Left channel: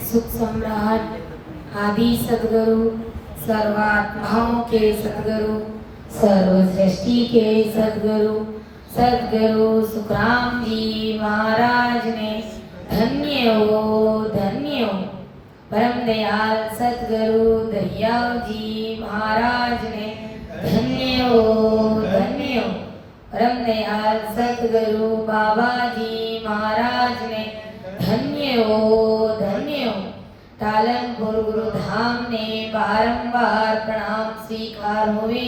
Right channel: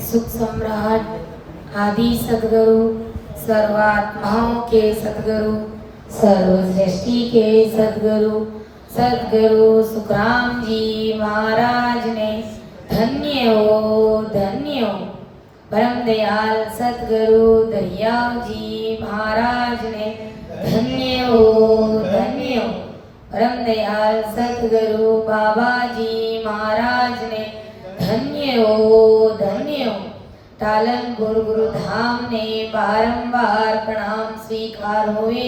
सुख सम्राट आदि सदगुरु, सर्वात्माओं के सदगुरु, सर्व सृष्टि के सदगुरु, सदगुरु सुखराम जी महाराज ने धन्य हो परम दयाल सदगुरु दरियाव जी महाराज ने धन्य हो परम दयाल सदगुरु बाबा जी महाराज ने धन्य हो टालनपुर गुरु धाम ने बारंबार प्रणाम स्वीकार हुए।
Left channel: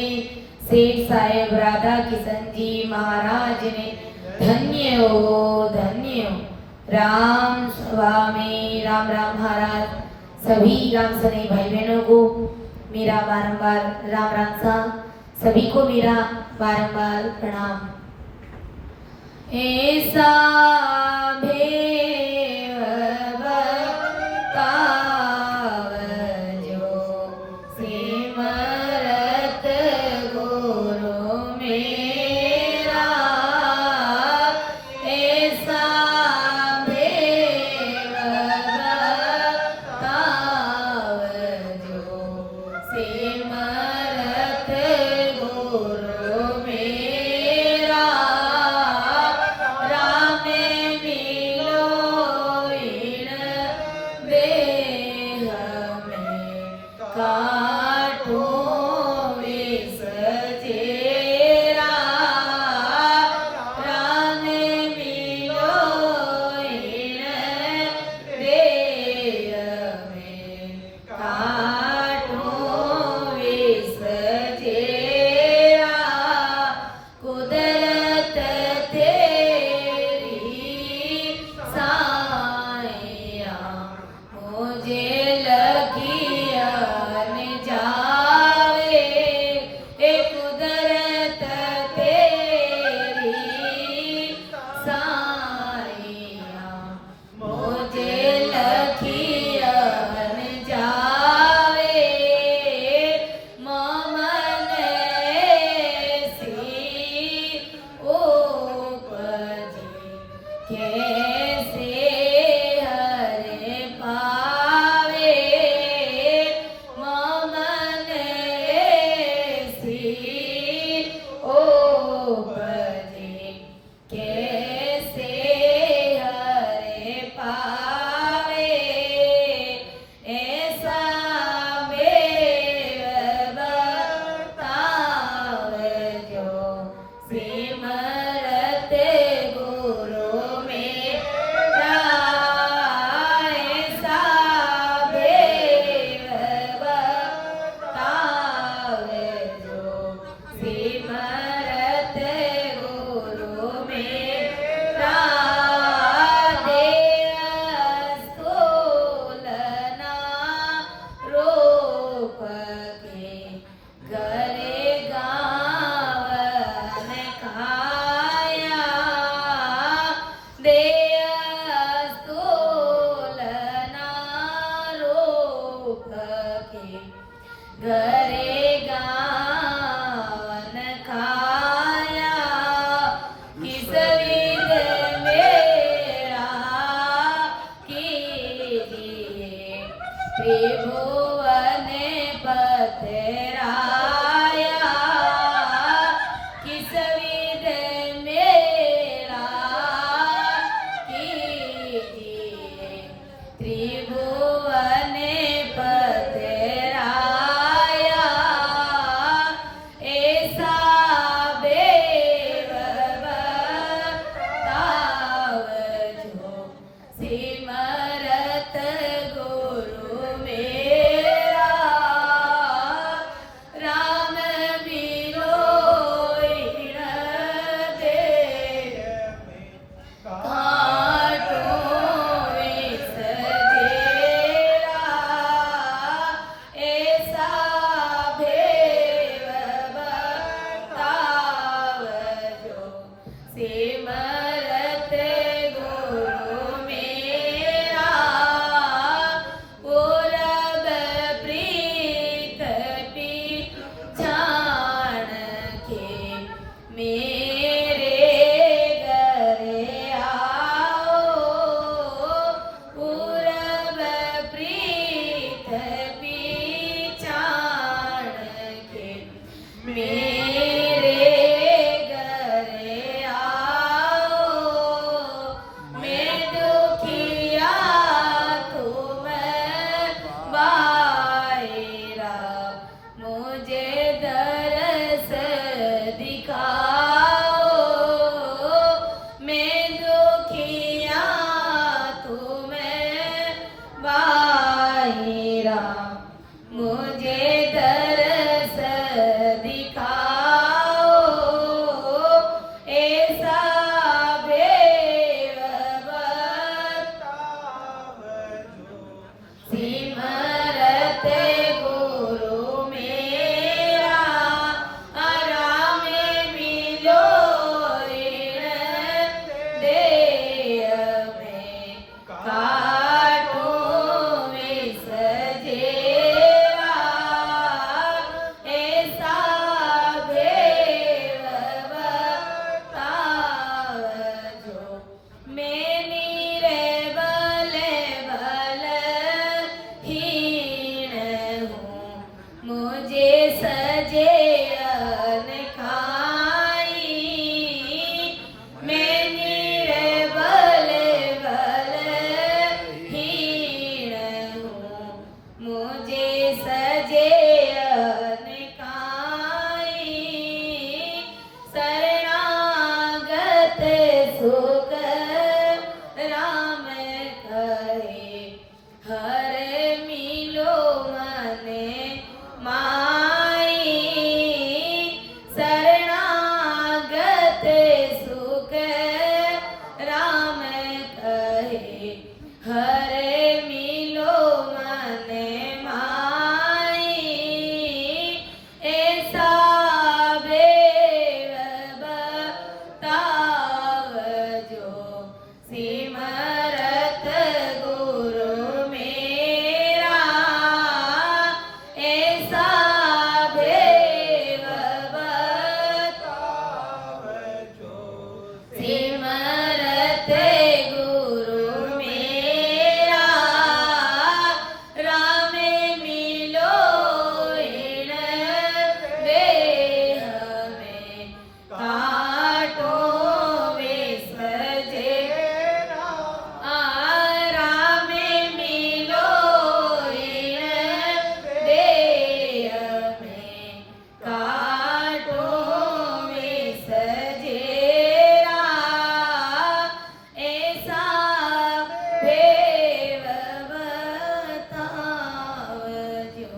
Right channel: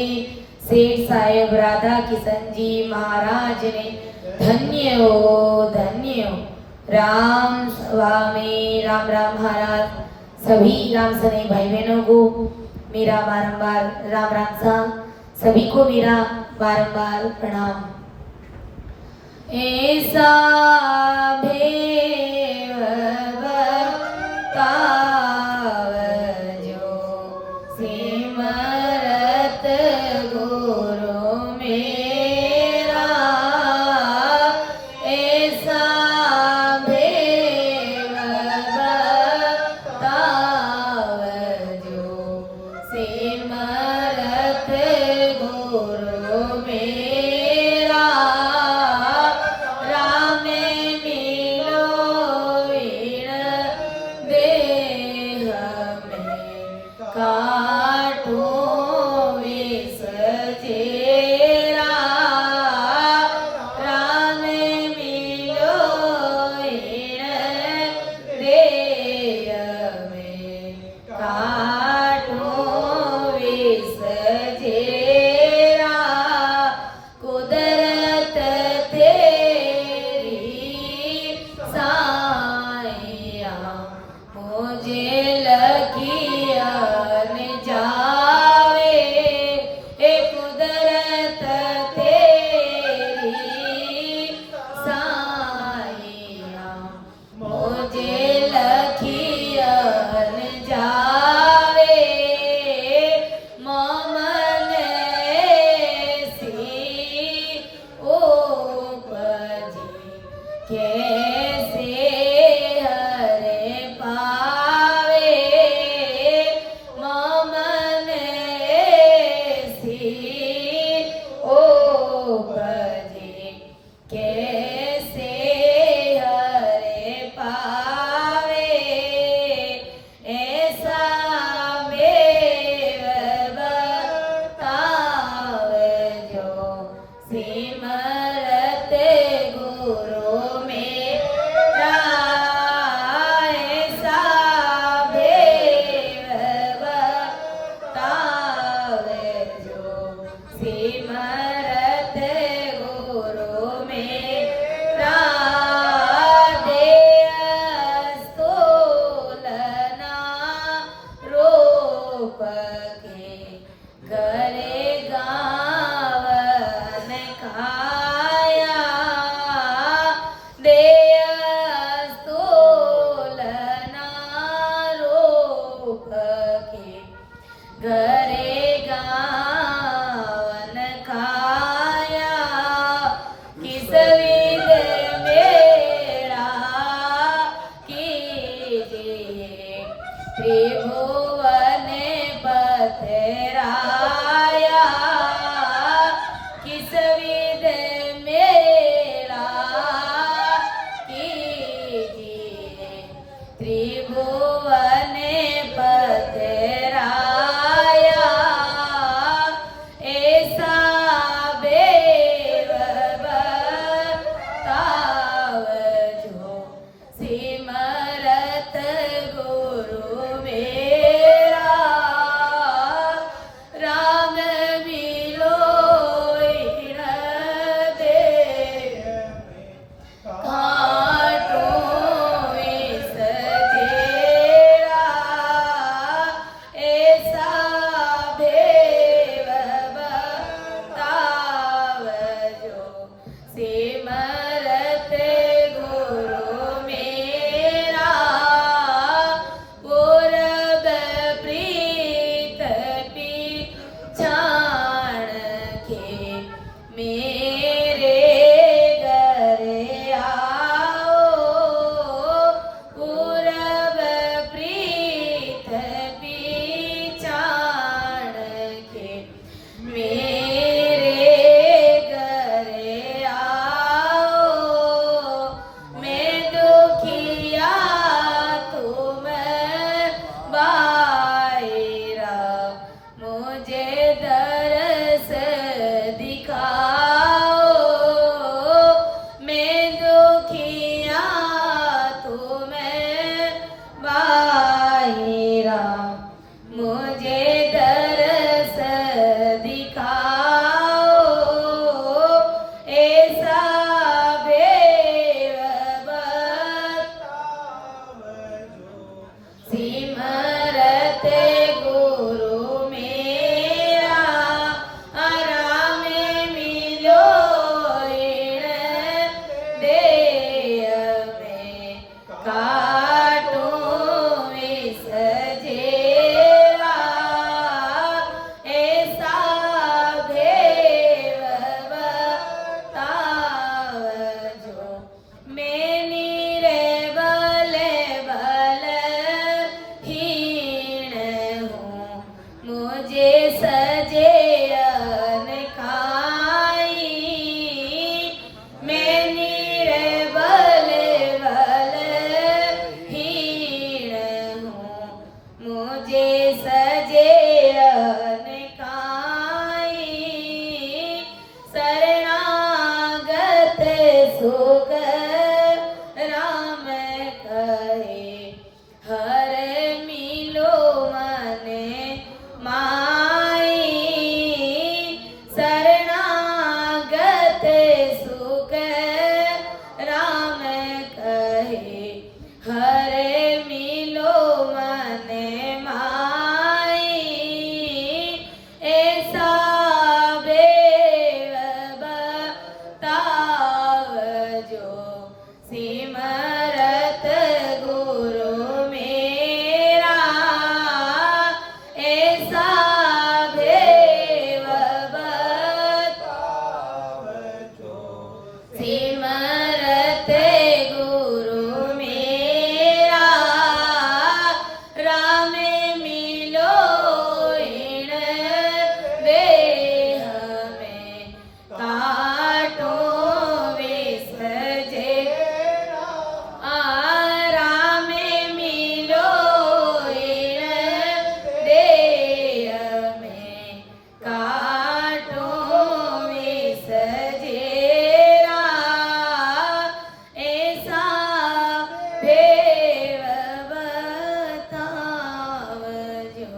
सेठ साहेब राधा किशन जी महाराज ने धन्य हो राम स्वामी राम राम महाराज। सभी राम सने भाई बहनों को मेरा बारंबार राम राम सा, सभी को मेरा बारंबार प्रणाम। ऐसा बाहिरा मुझे दरस दिखाओ ऐसा सिमरत गुरु मेरा आराम मिलो इन देह में काटूं विष जेरा ऐसा भेव बतावजो मैं निर्बल हीन हूँ मुझे सजे अनखाई मैं निर्बल हीन हूँ मुझे सजे अनखाई शरणागत सुख राम कहे हर मिलो मन माई शरणागत सुख राम कहे हर मिलो मन माई ऐसा बेव बतावजो सिमरत गुरु मेरा ऐसा भेव बतावजो सिमरत गुरु मेरा राम मिलो इन देह में काटूं विष जेरा राम मिलो इन देह में काटूं विष जेरा ऐसा भेव बतावजो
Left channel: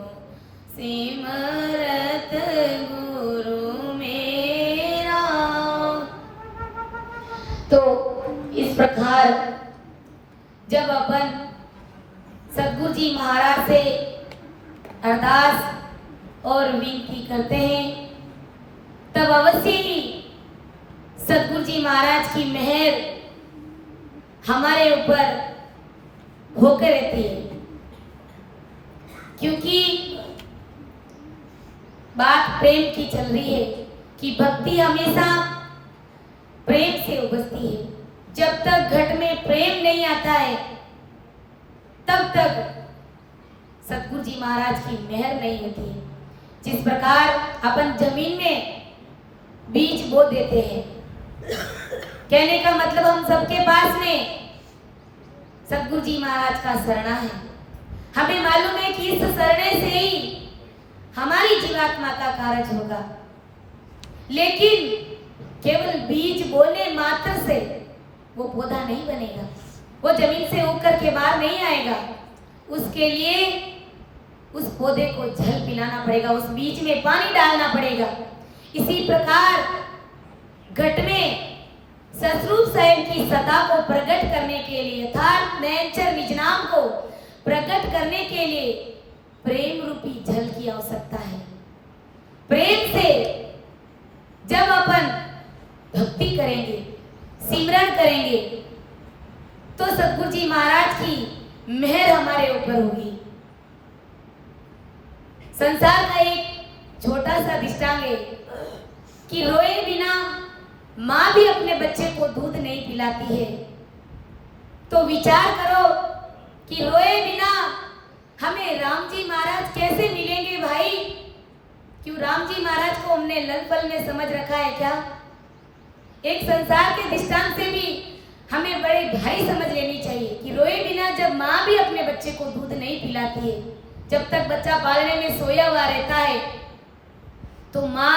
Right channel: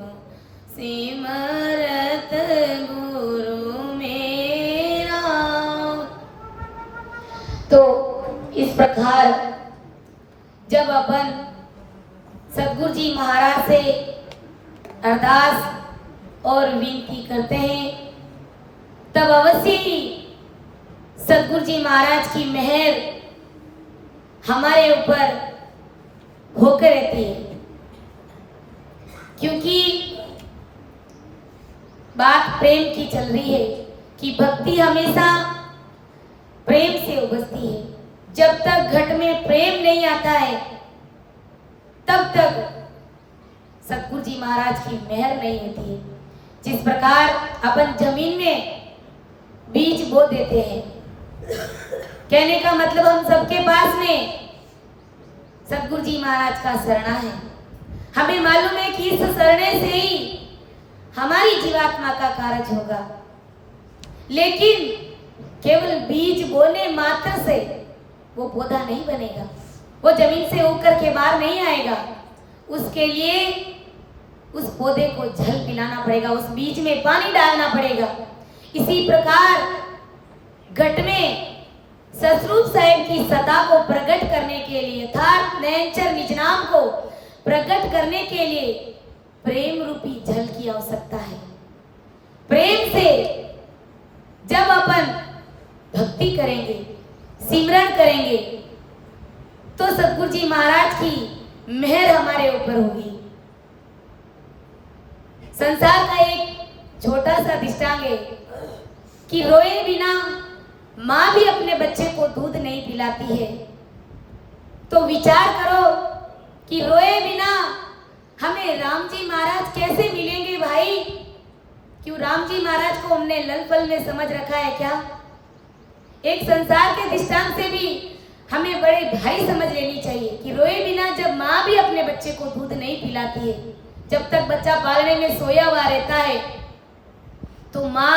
सिमरत गुरु मेरा। तो इस प्रकार जब अपन सतगुरु जी महाराज से अरदास और विनती करते हैं तब अवश्य ही सतगुरु जी महाराज की मेहर हमारे ऊपर होकर रहती है, क्योंकि बात प्रेम की चल रही है कि भक्ति हमेशा प्रेम से उपजती है। जब तक घट में प्रेम नहीं आता है तब तक सतगुरु जी महाराज की मेहर नहीं होती है। जिस प्रकार अपन जमीन में बीज बो देते हैं, कहने का मतलब हम सबके पास में सतगुरु जी महाराज का शरणा है। हमें मालूम है कि इस शरणे से ही हमारी जीवात्मा का कार्य होगा, लेकिन केवल बीज बोने मात्र से वो पौधा नहीं बनेगा, वो जमीन से उगकर के बाहर नहीं आएगा। उसके लिए उस पौधे को जल पिलाना पड़ेगा, उस बीज में पानी डालना पड़ेगा। इसी प्रकार घट में सतरूप साहेब की सत्ता को प्रकट करने के लिए यथार्थ नयनचर निज नाम को प्रकट करने के लिए प्रेम रूपी जल की आवश्यकता है। प्रेम से जब अपन भक्ति करेंगे, सिमरन करेंगे, तो सतगुरु जी महाराज की मेहर हमारे ऊपर होगी। संसार का एक छोटा सा दृष्टांत है कि रोए बिना माँ भी अपने बच्चे को दूध नहीं पिलाती है। तो विचार करो कि रोए बिना हमें राम जी महाराज कैसे मिलेंगे भाई? क्यों राम जी महाराज को हमने लल पल में समझ रखा है क्या? एक संसार के दृष्टांत से भी हमें बड़े भारी समझ लेनी चाहिए कि रोए बिना जब माँ भी अपने बच्चे को दूध नहीं पिलाती है, जब तक बच्चा पालने में सोया हुआ रहता है, तो माँ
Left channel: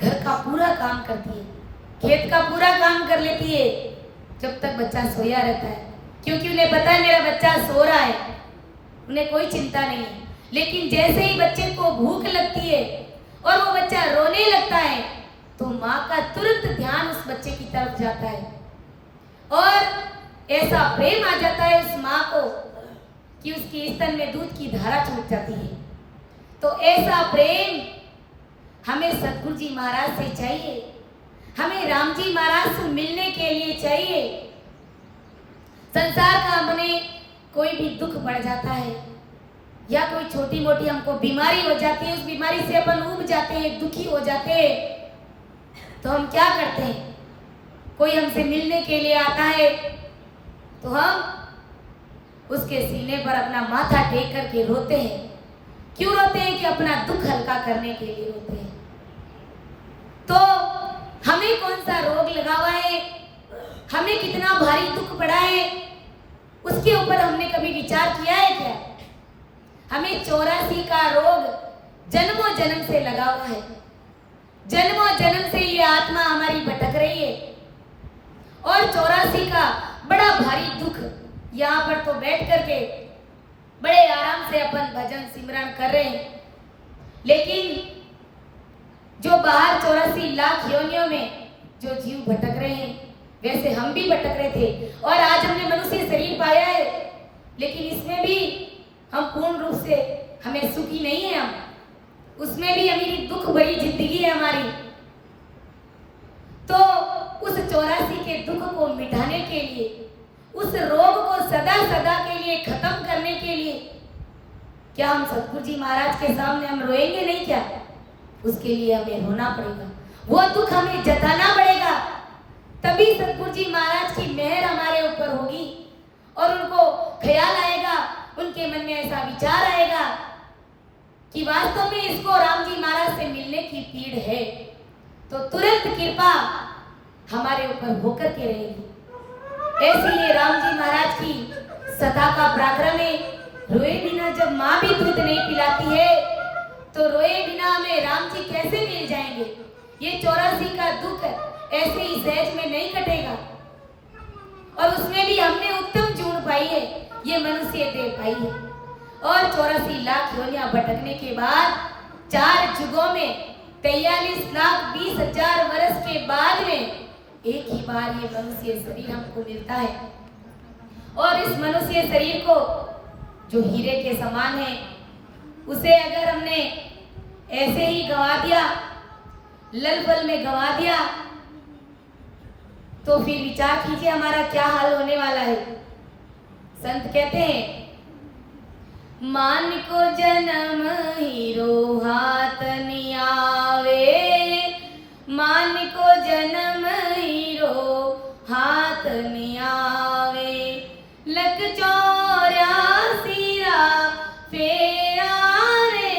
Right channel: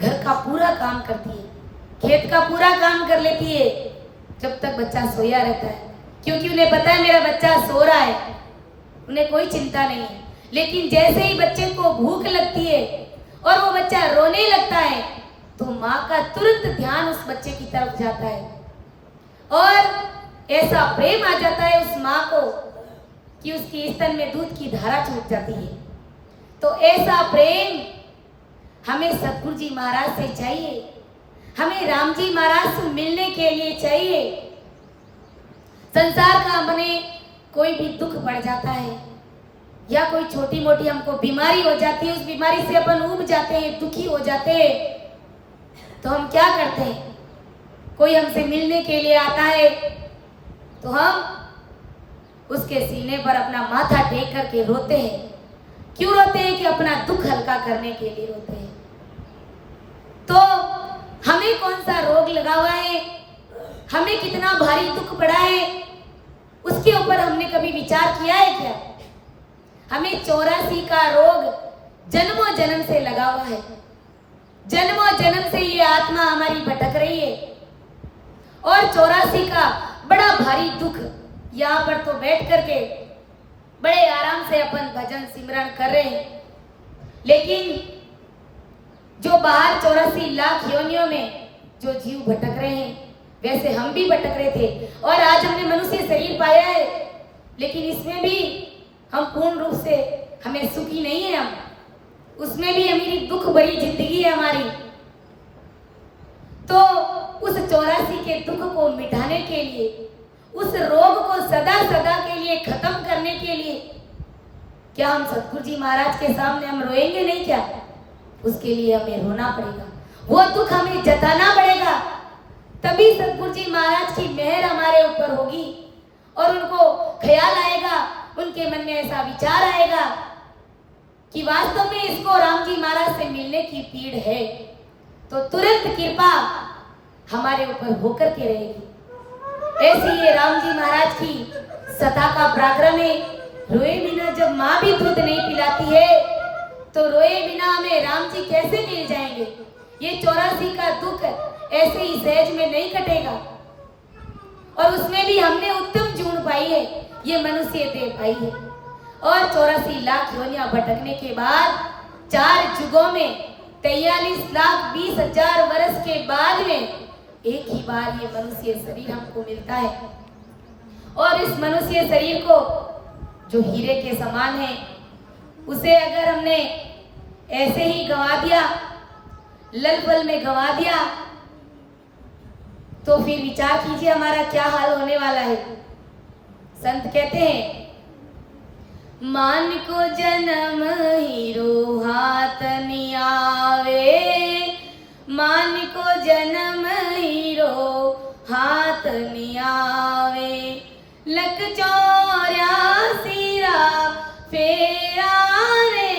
घर का पूरा काम करती है, खेत का पूरा काम कर लेती है जब तक बच्चा सोया रहता है, क्योंकि उन्हें पता है मेरा बच्चा सो रहा है। उन्हें कोई चिंता नहीं है। लेकिन जैसे ही बच्चे को भूख लगती है और वो बच्चा रोने लगता है तो माँ का तुरंत ध्यान उस बच्चे की तरफ जाता है और ऐसा प्रेम आ जाता है उस माँ को कि उसकी स्तन में दूध की धारा छूट जाती है। तो ऐसा प्रेम हमें सतगुरु जी महाराज से चाहिए, हमें राम जी महाराज से मिलने के लिए चाहिए। संसार का मने कोई भी दुख बढ़ जाता है या कोई छोटी मोटी हमको बीमारी हो जाती है, उस बीमारी से अपन ऊब जाते हैं, दुखी हो जाते हैं, तो हम क्या करते हैं? कोई हमसे मिलने के लिए आता है तो हम उसके सीने पर अपना माथा टेक करके रोते हैं। क्यों रोते हैं? कि अपना दुख हल्का करने के लिए रोते हैं। तो हमें कौन सा रोग लगा हुआ है, हमें कितना भारी दुख पड़ा है, उसके ऊपर हमने कभी विचार किया है क्या? हमें 84 का रोग जन्मों जन्म से लगा हुआ है। जन्मों जन्म से ये आत्मा हमारी भटक रही है और 84 का बड़ा भारी दुख यहाँ पर तो बैठ करके बड़े आराम से अपन भजन सिमरन कर रहे हैं, लेकिन जो बाहर 84 लाख योनियों में जो जीव भटक रहे हैं वैसे हम भी भटक रहे थे और आज हमने मनुष्य शरीर पाया है, लेकिन इसमें भी हम पूर्ण रूप से हमें सुखी नहीं है। हम उसमें भी हमारी दुख भरी जिंदगी है हमारी। तो उस 84 के दुख को मिटाने के लिए, उस रोग को सदा सदा के लिए खत्म करने के लिए क्या हम सतगुरु जी महाराज के सामने हम रोएंगे नहीं क्या? उसके लिए हमें रोना पड़ेगा, वो दुख हमें जताना पड़ेगा, तभी सतगुरु जी महाराज की मेहर हमारे ऊपर होगी और उनको ख्याल आएगा, उनके मन में ऐसा विचार आएगा कि वास्तव में इसको राम जी महाराज से मिलने की पीड़ है, तो तुरंत कृपा हमारे ऊपर होकर के रहेगी। ऐसी ये राम जी महाराज की सता का पराक्रम है। रोए बिना जब माँ भी दूध नहीं पिलाती है तो रोए बिना हमें राम जी कैसे मिल जाएंगे? ये 84 का दुख ऐसे ही सहज में नहीं कटेगा और उसमें भी हमने उत्तम जून पाई है, ये मनुष्य देह पाई है। और 84 लाख योनियां भटकने के बाद 4 युगों में 43,20,000 वर्ष के बाद में एक ही बार ये मनुष्य शरीर हमको मिलता है और इस मनुष्य शरीर को जो हीरे के समान है उसे अगर हमने ऐसे ही गंवा दिया, लल पल में गंवा दिया, तो फिर विचार कीजिए हमारा क्या हाल होने वाला है। संत कहते हैं, मान को जन्म हीरो हाथ नहीं आवे, मान को जन्म हीरो हाथ नहीं आवे, लख 84 रा फेरा रे,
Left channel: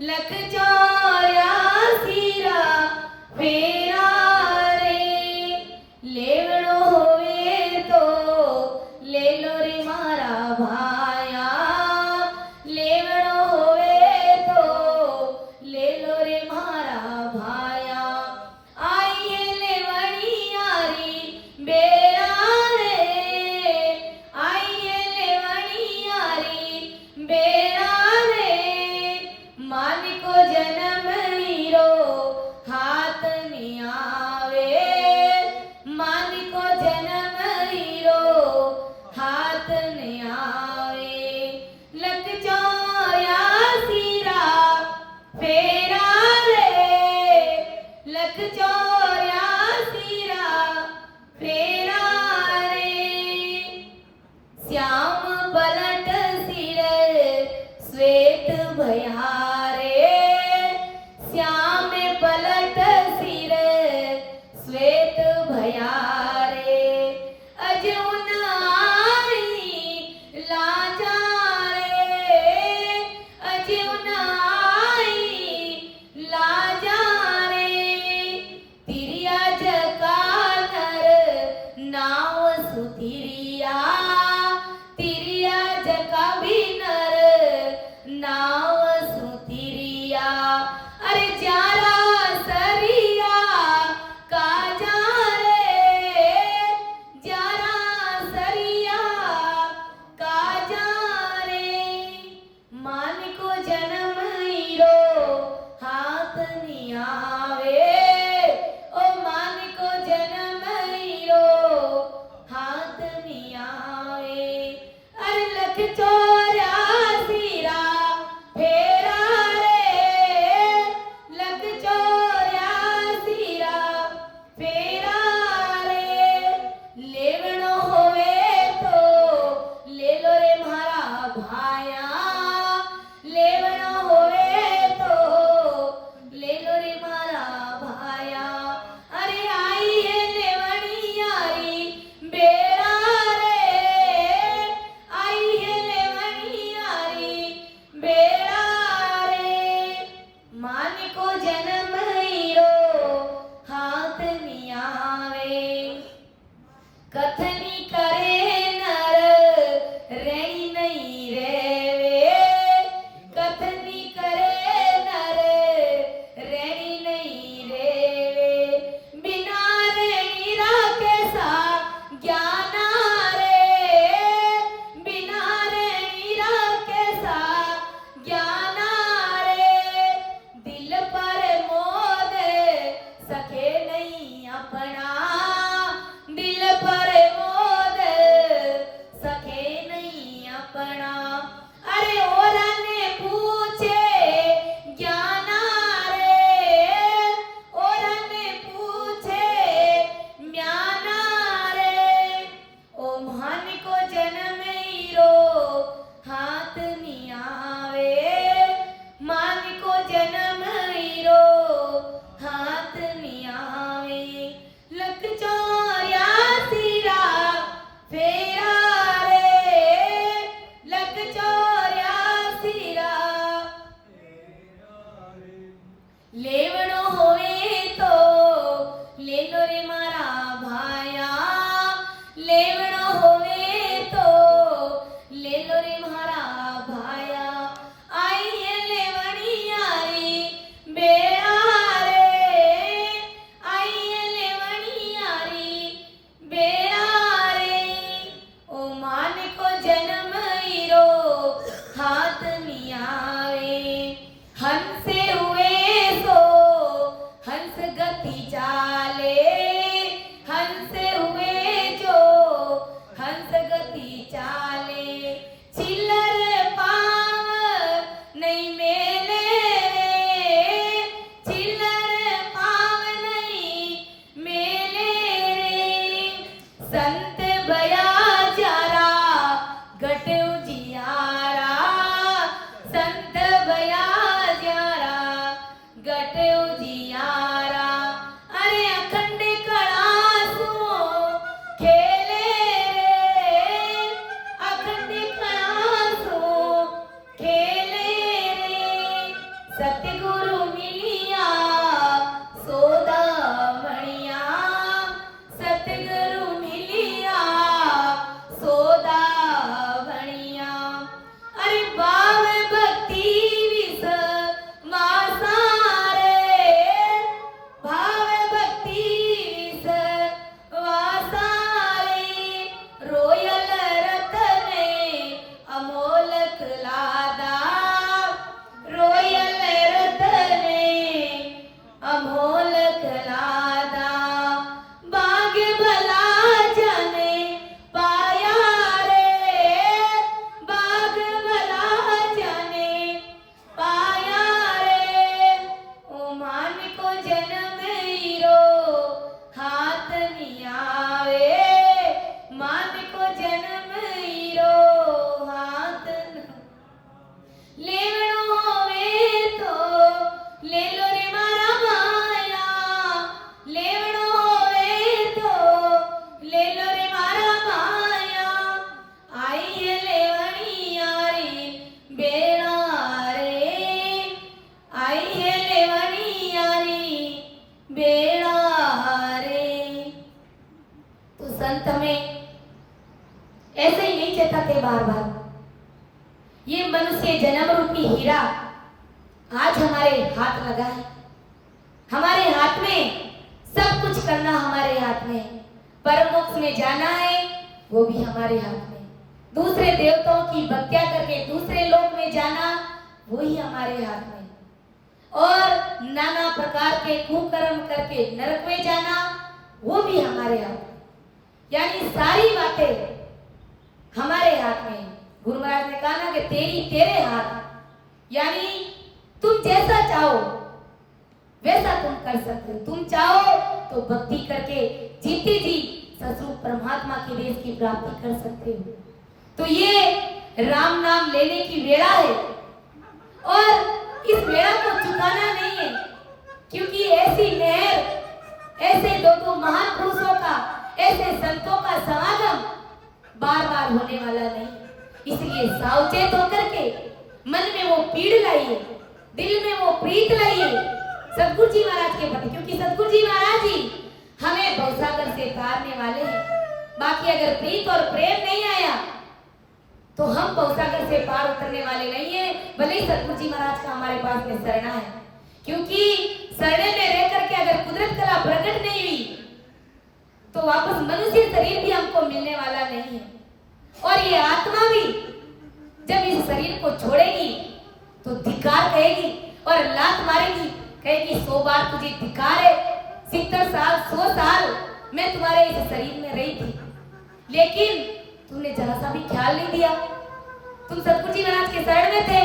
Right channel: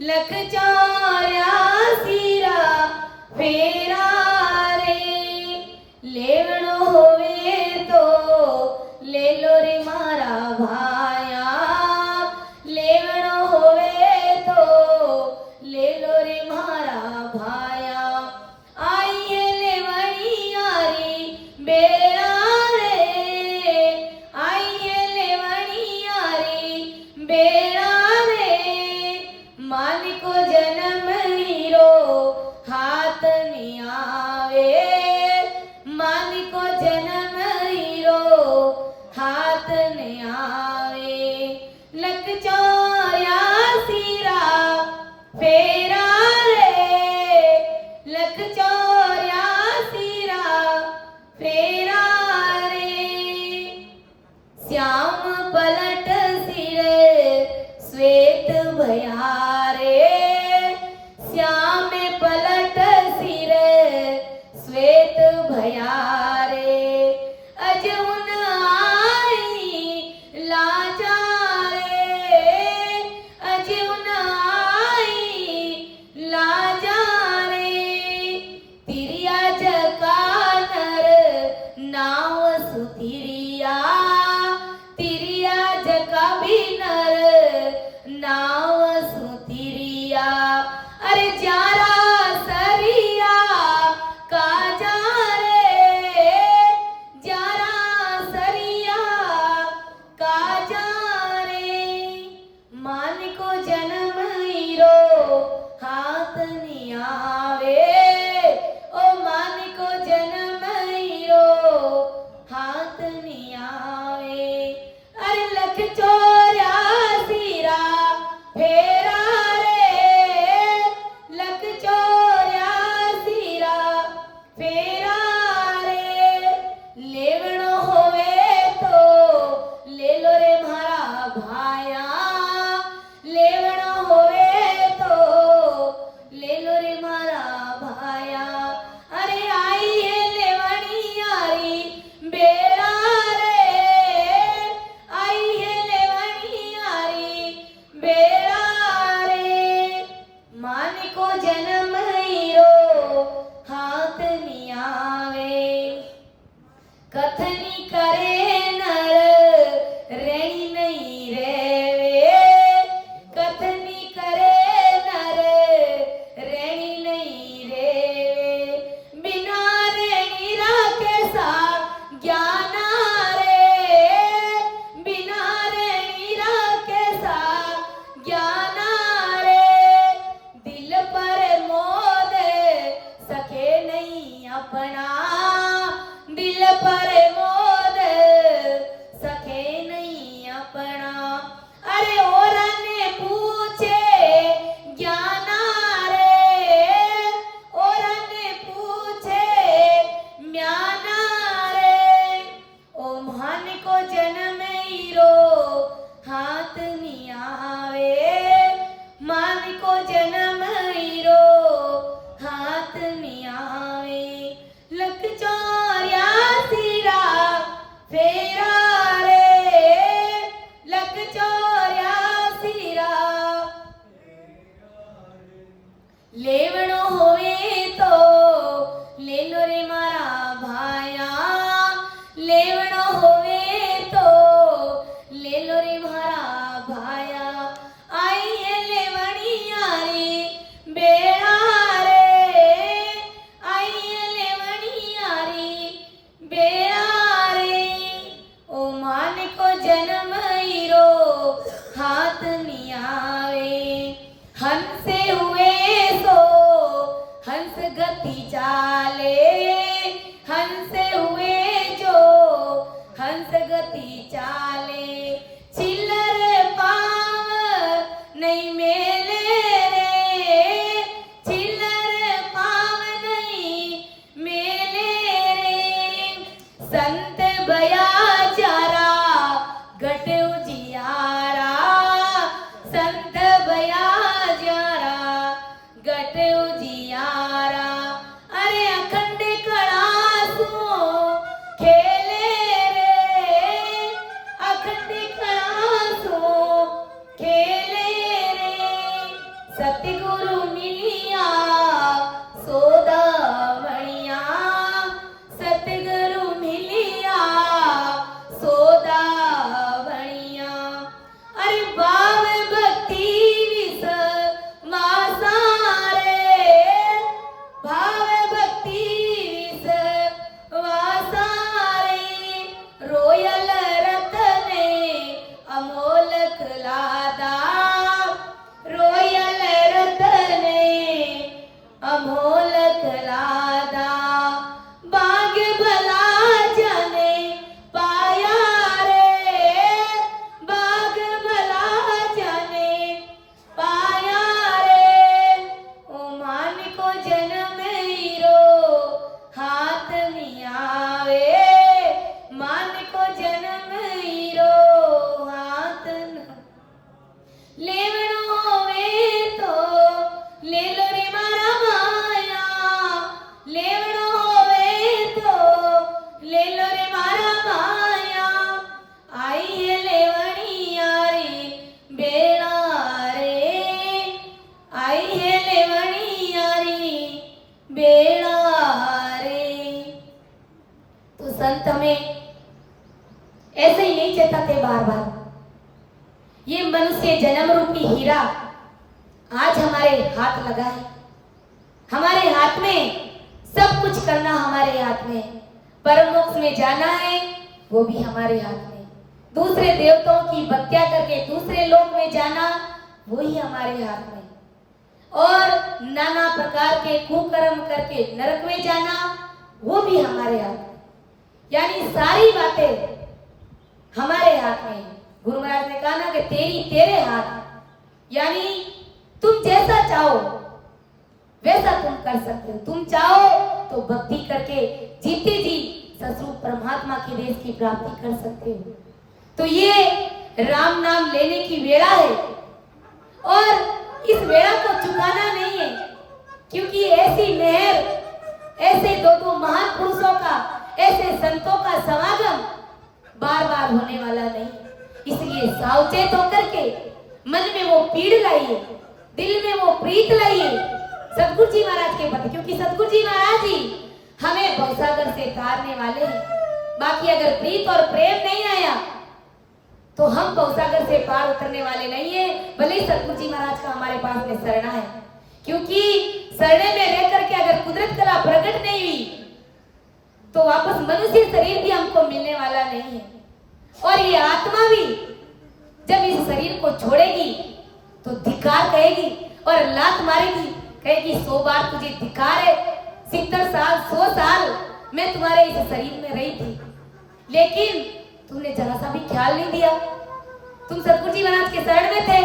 लख 84 रा फेरा रे, लेवड़ो होवे तो ले लो रे मारा भाया, लेवड़ो होवे तो ले लो रे मारा भाया, आइए लेवड़ी यारी बेड़ा रे, आइए लेवड़ी यारी बेड़ा रे, मान को जन्म हीरो हाथ नहीं आवे, मान को जन्म हीरो हाथ नहीं आवे, लख 84 रा फेरा रे, लख 84 रा फेरा रे, श्याम पलट सिर श्वेत भयारे, श्याम पलट सिर श्वेत भयारे, अजउन आई लाजा रे, अजउन आई लाजा रे, तिरिया जका नर नाव सुतिरिया, तिरिया जका भी नर नाव सुतिरिया। भाया लेवणो होवे तो ले लो रे मारा भाया अरे आई है लेवणी यारी बेड़ा रे आई है लेवणी यारी बेड़ा रे मान को जन्म हीरो हाथ नहीं आवे कथनी करे नर रेणी नहीं रेवे कथनी करे नर रेणी नहीं रेवे बिना रेणी राखे सा ज्ञाना रे बिना रेणी राखे सा ज्ञाना रे दिल पर मोद सके नहीं अपना दिल पर मोद सके नहीं अपना अरे और ने पूछे ज्ञाना रे और ने पूछे म्याना रे ओ मान को जन्म हीरो हाथ नहीं आवे मान को जन्म हीरो हाथ नहीं आवे लख चौरासी रा फेरा रे लख चौरासी रा लेवणो होवे तो ले लो रे मारा भाया लेवणो होवे तो ले लो रे मारा भाया आई है लेवणी यारी बेड़ा रे आई है लेवणी यारी बेड़ा रे ओ मान को जन्म हीरो हाथ नहीं आवे हंसे हुए तो हंस गति चाले हंसे हुए जो हंस गति चाले चिल्लर पाव नहीं मेले रे चिल्लर पाव नहीं मेले रे संत बया जारा घट उजियारा संत बया जारा घट उजियारा अरे अखंड कड़ा सुनो खेले रे अखंड कड़ा सुनो खेले रे सतगुरु मिलिया सोदा मणिया सतगुरु मिलिया सोदा बणिया अरे भाव भक्ति विस मासा रे भाव भक्ति विस वासा रे रोयल रतने अमोलक लादा रोयल रतने अमोलक लादा बाग भला जाने पाया रे बाग भला जाने पाया रे ओ मान को जन्म हीरो हाथ नहीं आवे मान को जन्म हीरो हाथ न लेवणो होवे तो ले लो रे मारा माया लेवणो होवे तो ले लो रे मारा माया आई है लेवणी यारी बेड़ा रे आई है लेवणी यारी बेड़ा रे तो संत में ऐसे ही नहीं चेताते बार बार ये मनुष्य जन्म रूपी हीरा आज हमारे हाथ लगा है हमारे हाथ में सब कुछ करना हमारे हाथ में परम मोक्ष में जाना है वो भी हमारे हाथ में दूसरे देवताओं की हत्या करके दूसरे लोक में जाना वो ही हमारे हाथ में और नाना प्रकार के कुकर्म करके नरक में जाना वो भी हमारे हाथ में यानी सारी बातें हमारे हाथ में। गुरु महाराज ने कहा ना कि तेरे हाथ यानी तुम जैसा चाहो वैसा तुम कर सकते हो। तुम चाहो तो भक्ति करके जीते जी ससुर परमात्मा के देश की प्राप्ति कर सकते हो। तो ये राम नाम लेने की वेला है और इस वेला को चुकाना नहीं है, क्योंकि ऐसी मेहर, ऐसे दो महान पुरुषों का, ऐसे संतों का समागम बार बार होने वाला नहीं। इसलिए सावचेत होकर के मन में वो पीड़ लाइए, दिल में वो प्रीत लाइए सदगुरु जी महाराज के प्रति, क्योंकि सदगुरु जी महाराज जी हमें भवसागर से तारने वाले हैं। बाकी अगर प्रीत और प्रेम नहीं आया तो हम भवसागर से पार उतरने वाले नहीं है। भले ही सदगुरु जी महाराज का हमारे पास में शरणा है, क्योंकि शरणे में रह करके अगर कुदरत कला प्रकट नहीं हुई तो वापस मनुष्य शरीर भी हमको मिलने वाला नहीं है। और ये आत्मा भी जब इस शरीर को छोड़ेगी तो धिक्कार कहेगी और लात मारेगी, कहेगी 100 बार तुझे धिक्कार है, 70 साल 100 साल मैं तुम्हारे इस शरीर में रही थी, लेकिन तुमने जरा सा भी ख्याल नहीं दिया। तुम सतगुरु जी महाराज के शरण में थे,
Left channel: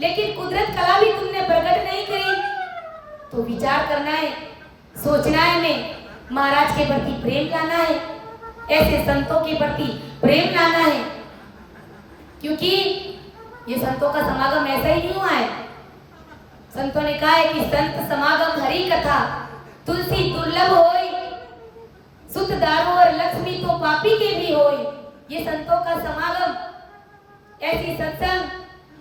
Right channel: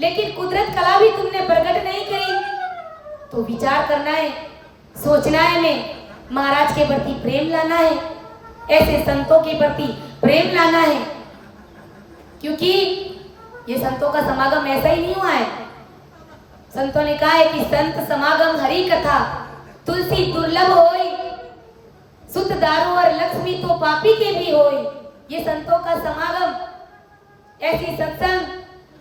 लेकिन कुदरत कला भी तुमने प्रकट नहीं करी। तो विचार करना है, सोचना है, मैं महाराज के प्रति प्रेम लाना है, ऐसे संतों के प्रति प्रेम लाना है, क्योंकि ये संतों का समागम ऐसा ही नहीं हुआ है। संतों ने कहा है कि संत समागम हरि कथा तुलसी दुर्लभ होई, सुत दारू और लक्ष्मी तो पापी के भी होई। ये संतों का समागम, ऐसी सत्संग,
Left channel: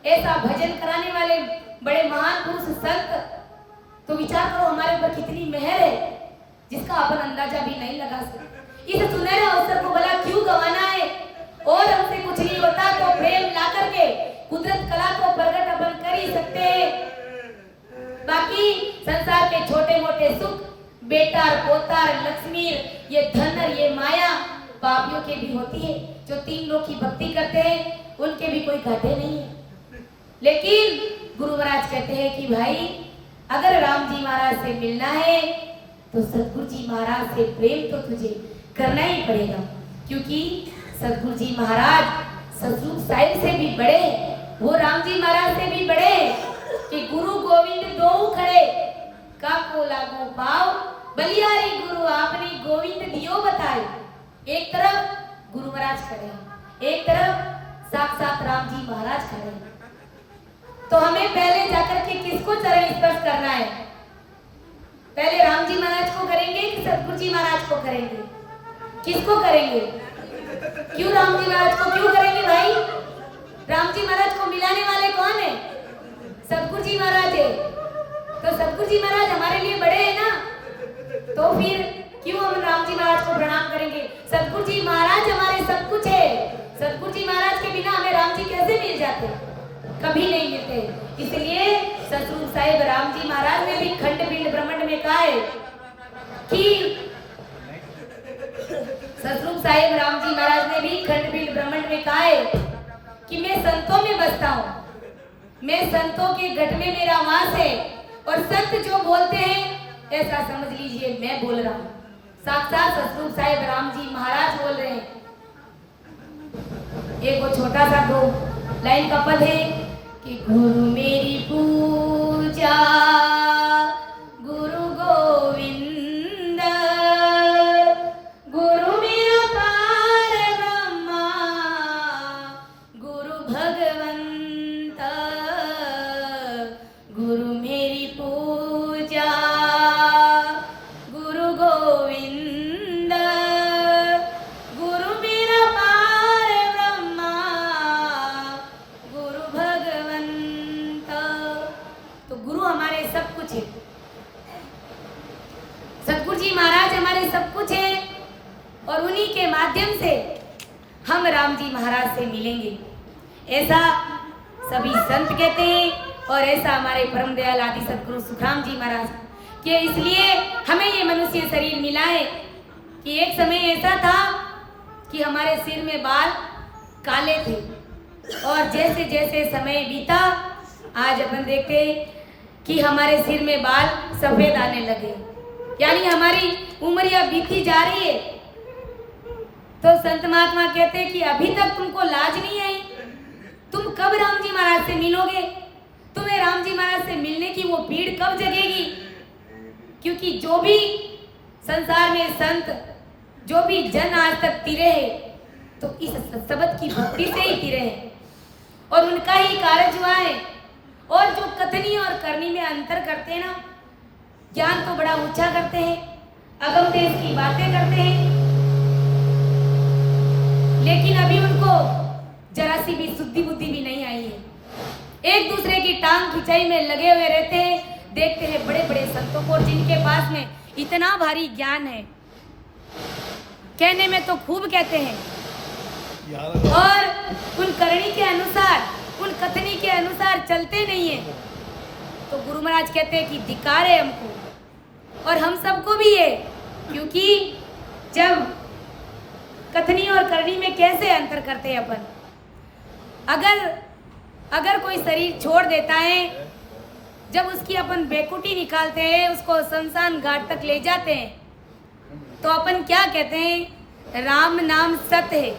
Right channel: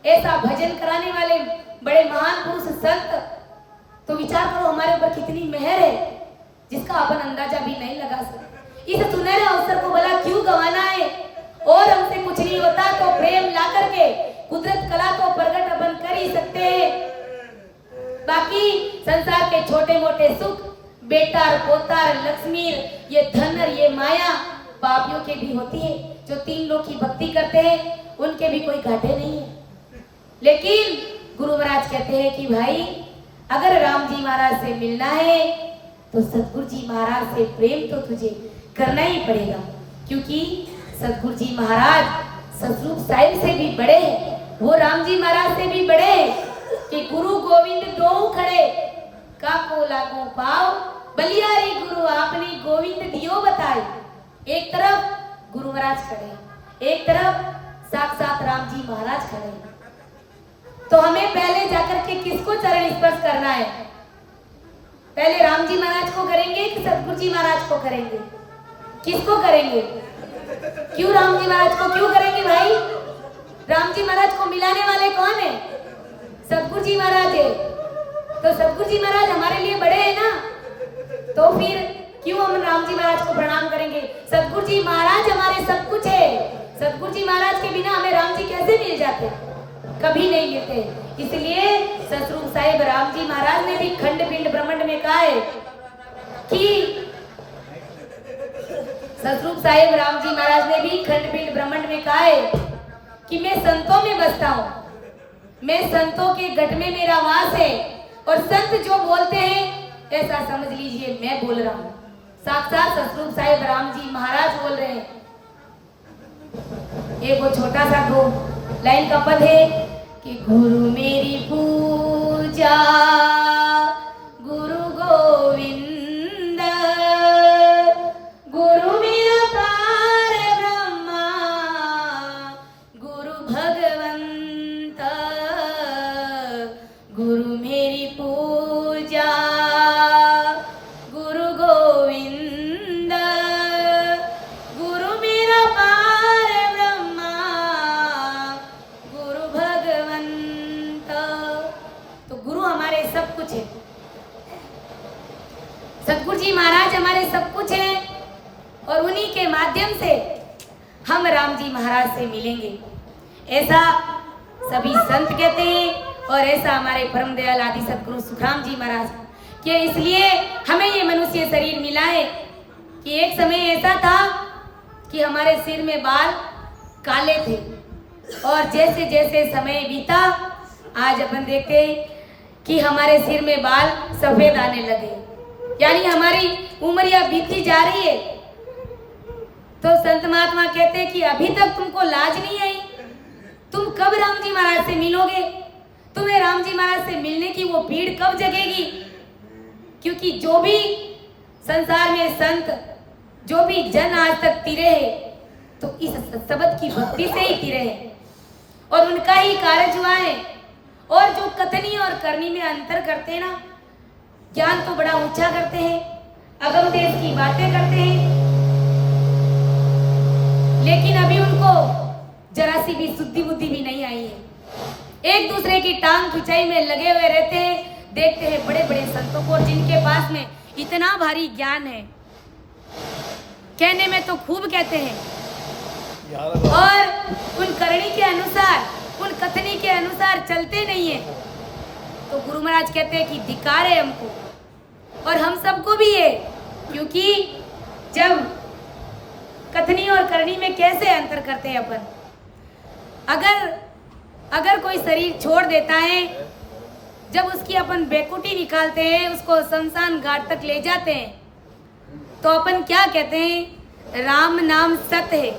ऐसा भजन कराने वाले बड़े महान पुरुष संत, तो विचार करो हमारे ऊपर कितनी मेहर है जिसका अपन अंदाजा भी नहीं लगा सकते। इस सुनहरे अवसर को भला क्यों गंवाना है? और हमसे कुछ नहीं होता तो प्रेम ला करके कुदरत कला को प्रकट अपन कर ही सकते हैं। बाकी संसार के छोटे मोटे सुख, बेटार पोतार लक्ष्मी, ये धन और ये माया पापियों के भी होती है। जो 3 लोग की भक्ति करते हैं उनके भी कोई घाटे नहीं है। लेकिन गुरु महाराज कहते हैं कि भाई अगर राम जी महाराज से मिलना है तो सतगुरु जी महाराज से प्रेम तो तुझे करना ही पड़ेगा, क्योंकि सतगुरु जी महाराज सतरूप साहिब से भी बड़े हैं, वो राम जी महाराज से भी बड़े हैं कि गुरु गोविंद दो खड़े काको लागू पाओ, बलियारी गुरु आपने गोविंद दियो बताए। एक तरफ गुरु महाराज खड़े, एक तरफ साक्षात राम जी महाराज खड़े। तो हमें पहले जाकर के किसको चरण स्पर्श करना है? पहले राम जी महाराज को करेंगे कि सतगुरु जी महाराज को करेंगे? किसको करेंगे? क्यों राम जी महाराज को क्यों करेंगे भाई? राम जी महाराज को मिलाने वाले कौन है? सतगुरु जी महाराज है। तो सतगुरु जी महाराज हमारे लिए बड़े हैं ना, तो फिर क्यों हम राम जी महाराज को प्रणाम करेंगे? सतगुरु जी महाराज हमारे सब कुछ है। सतगुरु जी महाराज के बिना हमें राम जी कैसे मिल जाते? कभी नहीं मिलते। इसलिए सतरूप साहिब राम जी महाराज ने भी खंड पिंड ब्रह्मांड में कहा है कि सतरूप साहिब राम जी महाराज ने भी खंड पिंड ब्रह्मांड में कहा है कि मैं संतों में बसता हूँ, मैं संतों के गढ़ में मेरा वास है, और संत जो बोलते हैं ऐसा समझ लीजिए मैं बोल रहा हूँ। साक्षात सतरूप साहिब राम जी महाराज बोल रहे हैं। एक वो छोटा सा 2 लाइन का पद है कि गुरु मेरी पूजा गुरु गोविंद, गुरु मेरा पार ब्रह्मा, गुरु भगवंत, गुरु मेरी पूजा गुरु गोविंद, गुरु मेरा पार ब्रह्मा, गुरु भगवंत। तो गुरु हमारे सब कुछ है, सतगुरु जी महाराज हमारे सब कुछ है, और उन्हीं के माध्यम से हम राम जी महाराज से मिलेंगे, ऐसा सभी संत कहते हैं। और ऐसा हमारे परम दयाल आदि सतगुरु सुखराम जी महाराज के, इसलिए हमें ये मनुष्य शरीर मिला है कि एक समय ऐसा था कि हमारे सिर में बाल काले थे, और जैसे जैसे समय बीता आज अपन देखते हैं कि हमारे सिर में बाल सफेद आने लगे, यानी हमारी उम्रिया बीती जा रही है। तो संत महात्मा कहते हैं कि अभी तक तुमको लाज नहीं आई, तुम कब राम जी महाराज से मिलोगे? तुम्हें राम जी महाराज से मिलने की वो पीड़ कब जगेगी? क्योंकि जो भी संसार में संत, जो भी जन आज तक तिरे हैं, तो इस शब्द की भक्ति से ही तिरे हैं। और उनका ही कार्य हुआ है। और जो कथनी और करनी में अंतर करते हैं ना, ज्ञान तो बड़ा ऊंचा करते हैं, अगम देश की बातें करते हैं, लेकिन अभी उनको जरा सी भी शुद्धि बुद्धि भी नहीं आई है। एक दूसरे की टांग खिंचाई में लगे हुए रहते हैं। देखते हैं बड़े बड़े संतों को, जिनके पास में इतना भारी ज्ञान है, कहने में तो खूब कहते हैं, और उन करनी के अनुसार, उन कथनी के अनुसार चलते नहीं है। तो गुरु महाराज कहते हैं कि धिक्कार है हमको, और हम सबको भी है। क्योंकि जब कथनी और करनी में कैसे अंतर करते हैं अपन, अगर कोई शरीर छोड़ देता है, जब उसकी अपन बेकुटी निकालते हैं, उसको शमशान घाट तक ले जाते हैं, तो अपन क्या कहते हैं? राम नाम सत्य है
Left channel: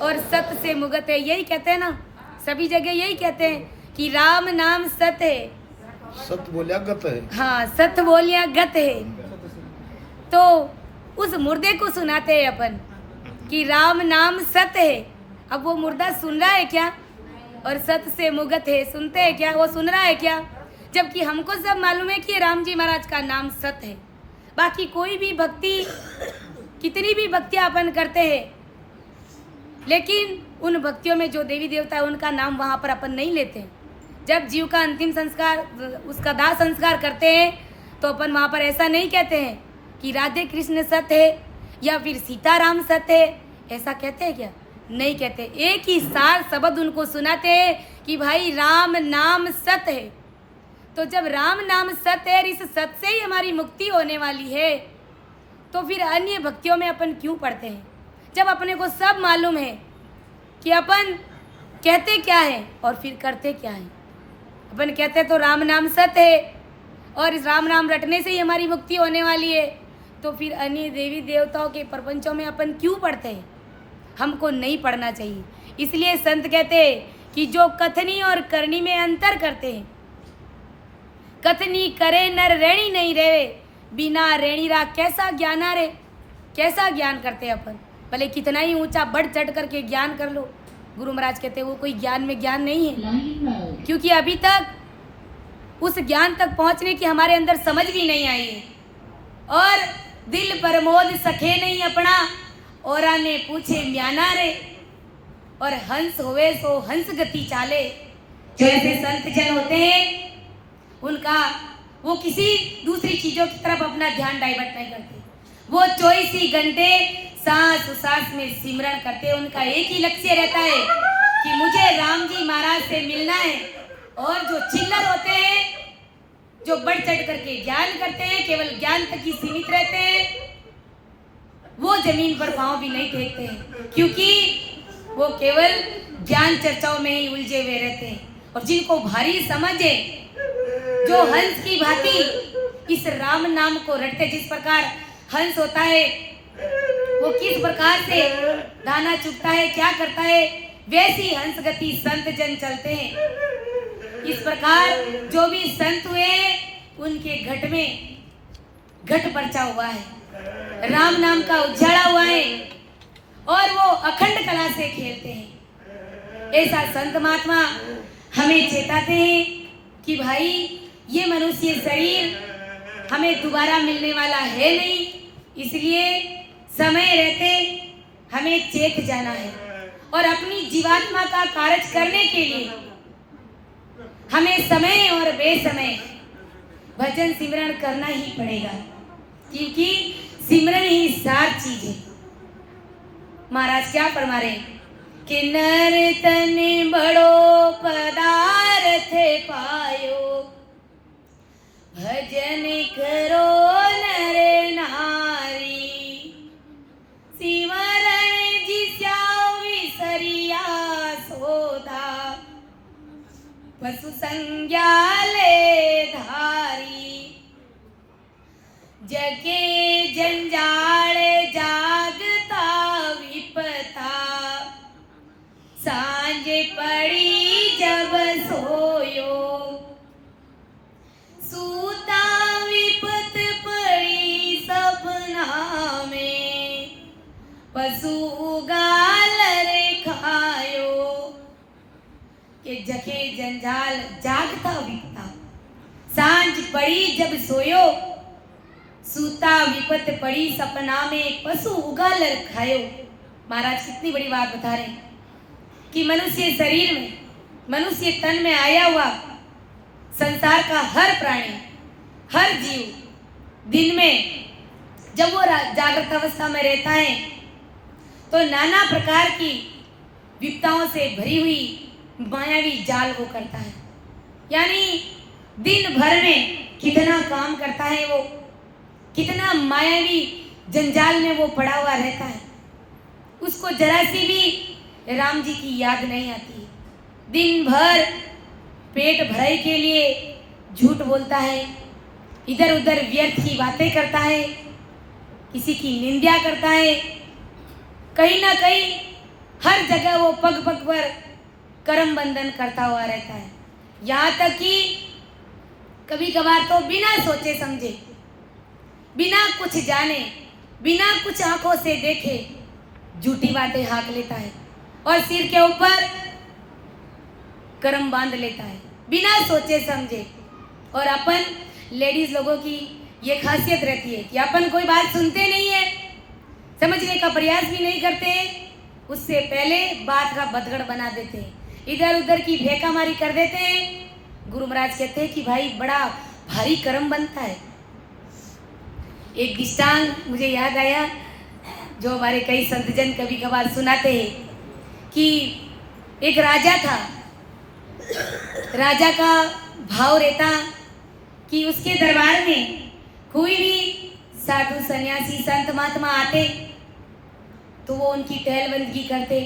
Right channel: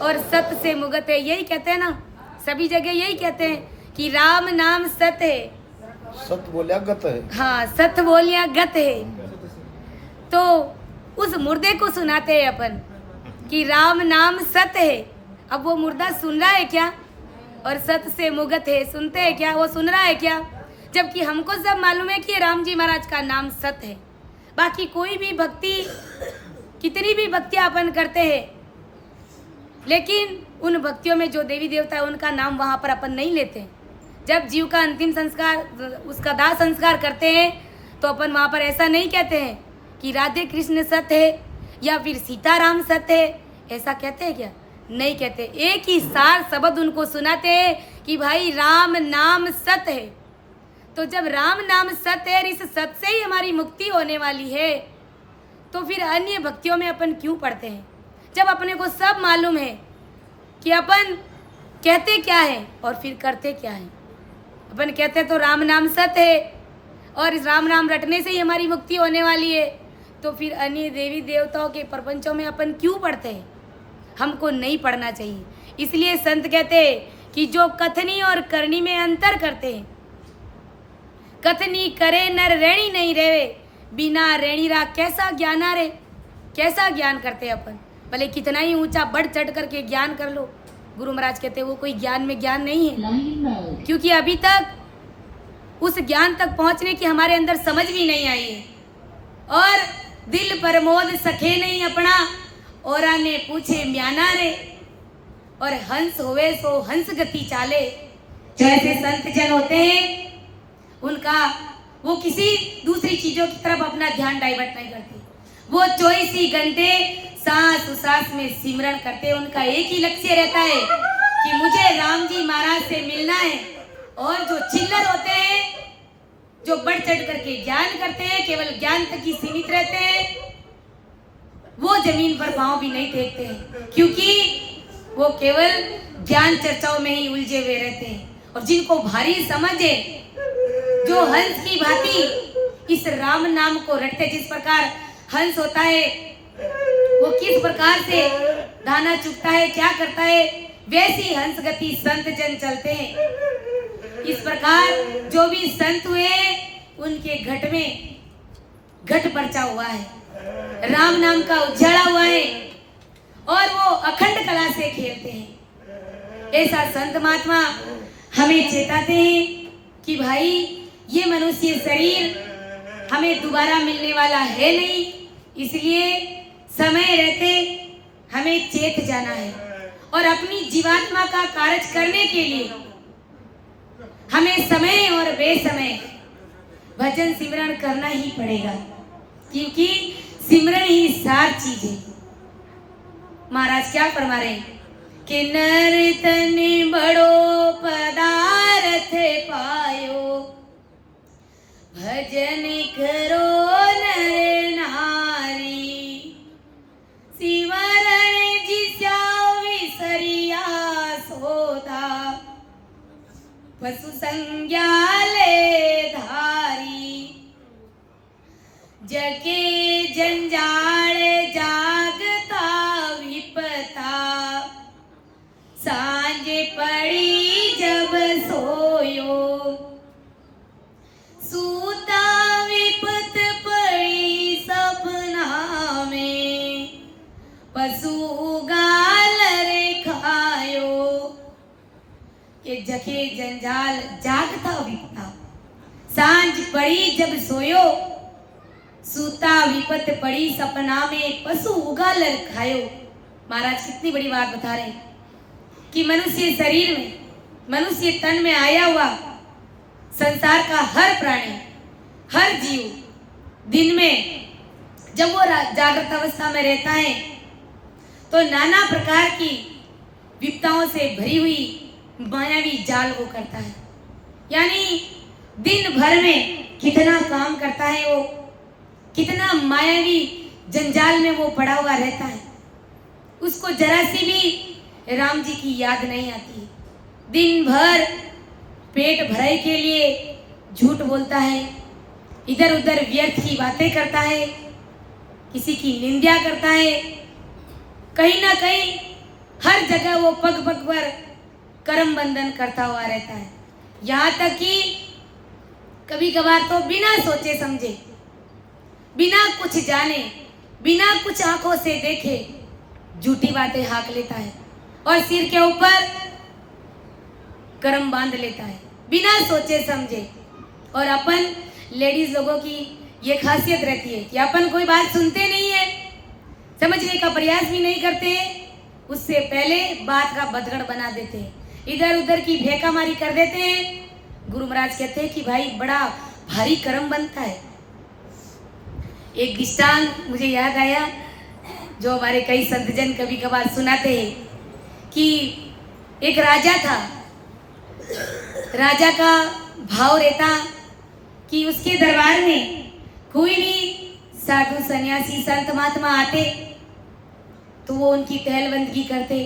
और सत्य से मुगत है। यही कहते हैं ना, सभी जगह यही कहते हैं कि राम नाम सत्य है, सत्य बोलिया गत है। हाँ, सत्य बोलिया गत है। तो उस मुर्दे को सुनाते हैं अपन कि राम नाम सत्य है। अब वो मुर्दा सुन रहा है क्या? और सत्य से मुगत है, सुनते हैं क्या? वो सुन रहा है क्या? जबकि हमको सब मालूम है कि राम जी महाराज का नाम सत्य है। बाकी कोई भी भक्ति, कितनी भी भक्तियां अपन करते हैं, लेकिन उन भक्तियों में जो देवी देवता है उनका नाम वहाँ पर अपन नहीं लेते। जब जीव का अंतिम संस्कार, उसका दाह संस्कार करते हैं, तो अपन वहाँ पर ऐसा नहीं कहते हैं कि राधे कृष्ण सत्य है या फिर सीताराम सत्य है। ऐसा कहते हैं क्या? नहीं कहते। एक ही सार शब्द उनको सुनाते हैं कि भाई राम नाम सत्य है। तो जब राम नाम सत्य है, इस सत्य से ही हमारी मुक्ति होने वाली है, तो फिर अन्य भक्तियों में अपन क्यों पढ़ते हैं? जब अपने को सब मालूम है कि अपन कहते क्या है और फिर करते क्या है। अपन कहते तो राम नाम सत्य है और इस राम नाम रटने से ही हमारी मुक्ति होने वाली है, तो फिर अन्य देवी देवताओं के प्रपंचों में अपन क्यों पढ़ते हैं? हमको नहीं पढ़ना चाहिए। इसलिए संत कहते हैं कि जो कथनी और करनी में अंतर करते हैं, कथनी करे नर रेणी नहीं रेवे, बिना रेणी रा कैसा ज्ञान आ रे। कैसा ज्ञान करते हैं अपन? भले कितना ही ऊंचा बढ़ चढ़ करके ज्ञान कर लो, गुरु महाराज कहते हैं वो कोई ज्ञान में ज्ञान नहीं है, क्योंकि अभी तक उस ज्ञान तक पहुंचने की हमारे अंदर समझ भी नहीं आई है। और दिल प्रमोद सखे नहीं अपना, औरा ने पूछे म्याना रे, और हंस होवे सो हंस गति चाले। जो ऐसे संत जन होते हैं, उनका वो किसी दूसरी चीजों की तरफ अपना ध्यान डाइवर्ट नहीं करते। वो 24 घंटे सांस उसास में सिमरण करते हैं। उनका एक ही लक्ष्य रहता है कि मुझे राम जी महाराज से मिलना है। और जो चिल्लर होते हैं, जो बढ़ चढ़ करके ज्ञान करते हैं, केवल ज्ञान तक ही सीमित रहते हैं, वो जमीन पर पांव भी नहीं टेकते हैं, क्योंकि वो केवल ज्ञान चर्चाओं में ही उलझे हुए रहते हैं। और जिनको भारी समझ है, जो हंस की भांति इस राम नाम को रटते, जिस प्रकार हंस होता है, वो किस प्रकार से दाना चुगता है, क्या करता है, वैसी हंस गति संत जन चलते हैं। इस प्रकार जो भी संत हुए, उनके घट में घट परचा हुआ है, राम नाम का उजाला हुआ है, और वो अखंड कला से खेलते हैं। ऐसा संत महात्मा हमें चेताते हैं कि भाई ये मनुष्य शरीर हमें दोबारा मिलने वाला है नहीं, इसलिए समय रहते हमें चेत जाना है। और अपनी जीवात्मा का कार्य करने के लिए हमें समय और बेसमय भजन सिमरण करना ही पड़ेगा, क्योंकि सिमरन ही सार चीज है। महाराज क्या फरमा रहे हैं कि नर्तन बड़ो पदार्थ पायो, भजन करो नर नारी, सिमरन जिस्या विसरिया सोधा, पशु संज्ञा ले धारी, जगे जंजाल जागता विपता, सांझ पड़ी जब सोयो, सूता विपत पड़ी सपना में, पशु गाल रे खायो, कि जखे जंजाल जागता विपता, सांझ पड़ी जब सोयो, सूता विपत पड़ी सपना में, पशु उगालर खायो। महाराज कितनी बड़ी बात बता रहे हैं कि मनुष्य शरीर में, मनुष्य तन में आया हुआ संसार का हर प्राणी, हर जीव दिन में जब वो जागृत अवस्था में रहता है तो नाना प्रकार की विपदाओं से भरी हुई मायावी जाल वो करता है। यानी दिन भर में कितना काम करता है वो, कितना मायावी जंजाल में वो पड़ा हुआ रहता है, उसको जरा सी भी राम जी की याद नहीं आती। दिन भर पेट भराई के लिए झूठ बोलता है, इधर उधर व्यर्थ की बातें करता है, किसी की निंदा करता है, कहीं ना कहीं हर जगह वो पग पग पर कर्म बंधन करता हुआ रहता है। यहाँ तक कि कभी कभार तो बिना सोचे समझे, बिना कुछ जाने, बिना कुछ आंखों से देखे झूठी बातें हाँक लेता है और सिर के ऊपर कर्म बांध लेता है बिना सोचे समझे। और अपन लेडीज लोगों की ये खासियत रहती है कि अपन कोई बात सुनते नहीं है, समझने का प्रयास भी नहीं करते हैं, उससे पहले बात का बदगड़ बना देते हैं, इधर उधर की फेंकामारी कर देते हैं। गुरु महाराज कहते हैं कि भाई बड़ा भारी कर्म बनता है। एक दृष्टांत मुझे याद आया जो हमारे कई संतजन कभी कभार सुनाते हैं कि एक राजा था, राजा का भाव रहता कि उसके दरबार में कोई भी साधु सन्यासी संत महात्मा आते तो वो उनकी टहलबंदगी करते,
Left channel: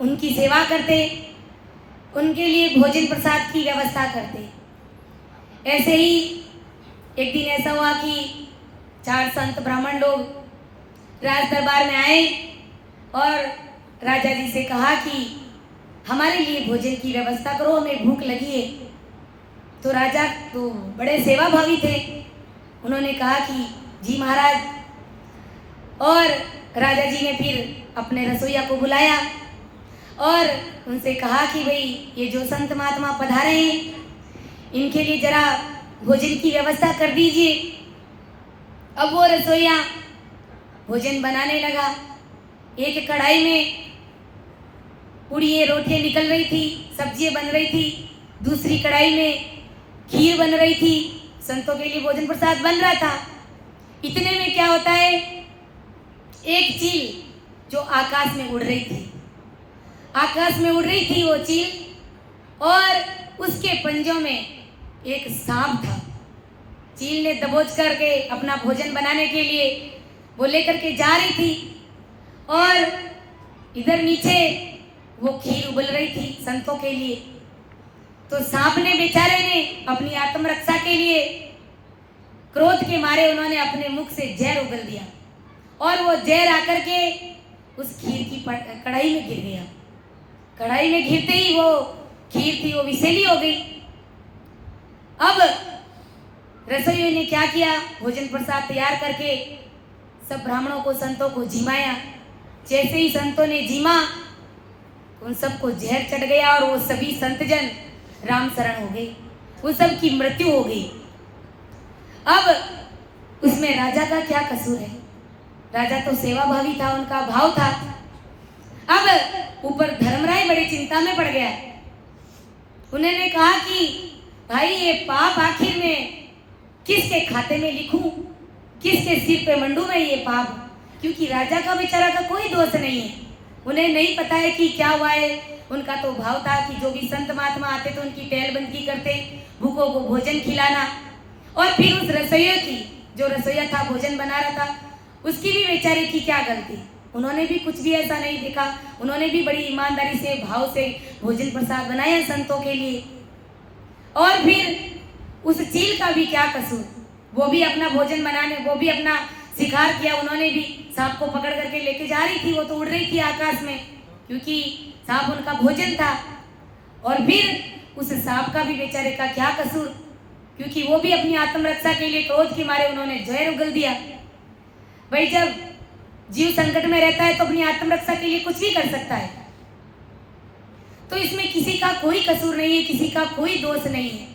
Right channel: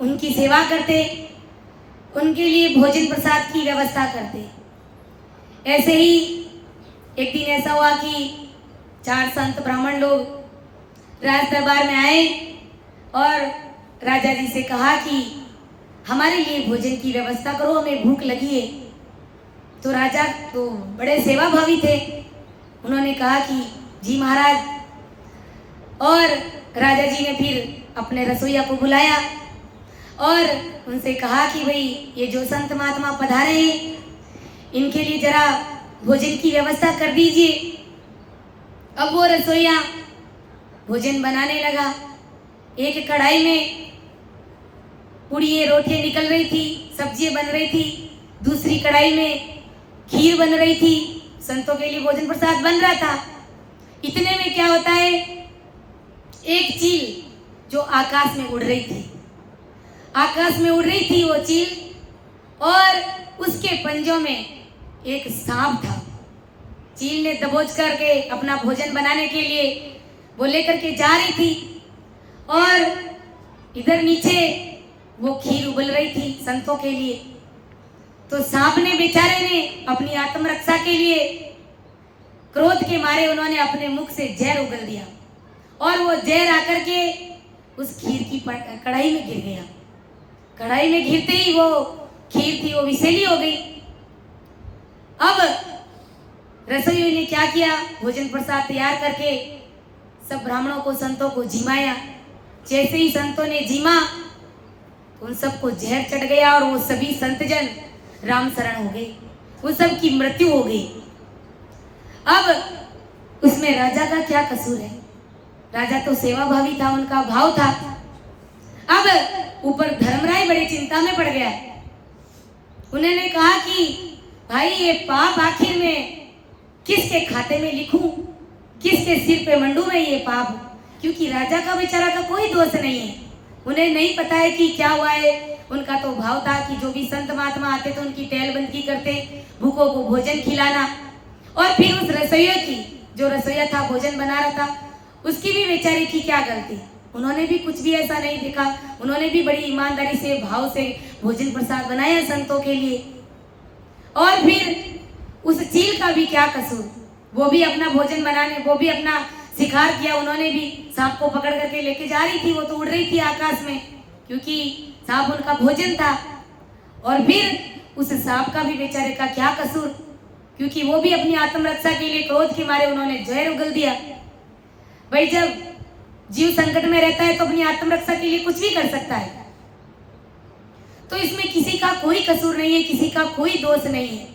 उनकी सेवा करते, उनके लिए भोजन प्रसाद की व्यवस्था करते। ऐसे ही एक दिन ऐसा हुआ कि 4 संत ब्राह्मण लोग राज दरबार में आए और राजा जी से कहा कि हमारे लिए भोजन की व्यवस्था करो, हमें भूख लगी है। तो राजा तो बड़े सेवा भावी थे, उन्होंने कहा कि जी महाराज। और राजा जी ने फिर अपने रसोइया को बुलाया और उनसे कहा कि भाई ये जो संत महात्मा पधारे हैं इनके लिए जरा भोजन की व्यवस्था कर दीजिए। अब वो रसोइया भोजन बनाने लगा। एक कढ़ाई में पूड़ियाँ रोटियाँ निकल रही थी, सब्जियाँ बन रही थी, दूसरी कढ़ाई में खीर बन रही थी, संतों के लिए भोजन प्रसाद बन रहा था। इतने में क्या होता है, एक चील जो आकाश में उड़ रही थी, आकाश में उड़ रही थी वो चील, और उसके पंजों में एक सांप था। चील ने दबोच करके अपना भोजन बनाने के लिए वो लेकर के जा रही थी और इधर नीचे वो खीर उबल रही थी संतों के लिए। तो सांप ने बेचारे ने अपनी आत्मरक्षा के लिए क्रोध के मारे उन्होंने अपने मुख से जहर उगल दिया और वो जहर आकर के उस खीर की कढ़ाई में गिर गया। कढ़ाई में गिरते ही वो खीर थी वो विषैली हो गई। अब रसोइयों ने क्या किया, भोजन प्रसाद तैयार करके सब ब्राह्मणों को संतों को जिमाया। जैसे ही संतों ने जिमा तो उन सबको जहर चढ़ गया और वो सभी संतजन राम शरण हो गए, उन सब की मृत्यु हो गई। अब उसमें राजा का क्या कसूर है, राजा तो सेवा भावी था, उनका भाव था। अब ऊपर धर्मराय बड़ी चिंता में पड़ गया। उन्होंने कहा कि भाई ये पाप आखिर में किसके खाते में लिखूं, किसके सिर पे मंडू में ये पाप, क्योंकि राजा का बेचारा का कोई दोष नहीं है। उन्हें नहीं पता है कि क्या हुआ है। उनका तो भाव था कि जो भी संत महात्मा आते तो उनकी टहलबंदगी करते, भूखों को भोजन खिलाना। और फिर उस रसोइया की, जो रसोइया था भोजन बना रहा था, उसकी भी बेचारे की क्या गलती, उन्होंने भी कुछ भी ऐसा नहीं देखा। उन्होंने भी बड़ी ईमानदारी से भाव से भोजन प्रसाद बनाया संतों के लिए। और फिर उस चील का भी क्या कसूर, वो भी अपना भोजन बनाने, वो भी अपना शिकार किया। उन्होंने भी सांप को पकड़ करके लेके जा रही थी, वो तो उड़ रही थी आकाश में क्योंकि सांप उनका भोजन था। और फिर उस सांप का भी बेचारे का क्या कसूर, क्योंकि वो भी अपनी आत्मरक्षा के लिए क्रोध के मारे उन्होंने जहर उगल दिया। भाई जब जीव संकट में रहता है तो अपनी आत्मरक्षा के लिए कुछ भी कर सकता है। तो इसमें किसी का कोई कसूर नहीं है, किसी का कोई दोष नहीं है।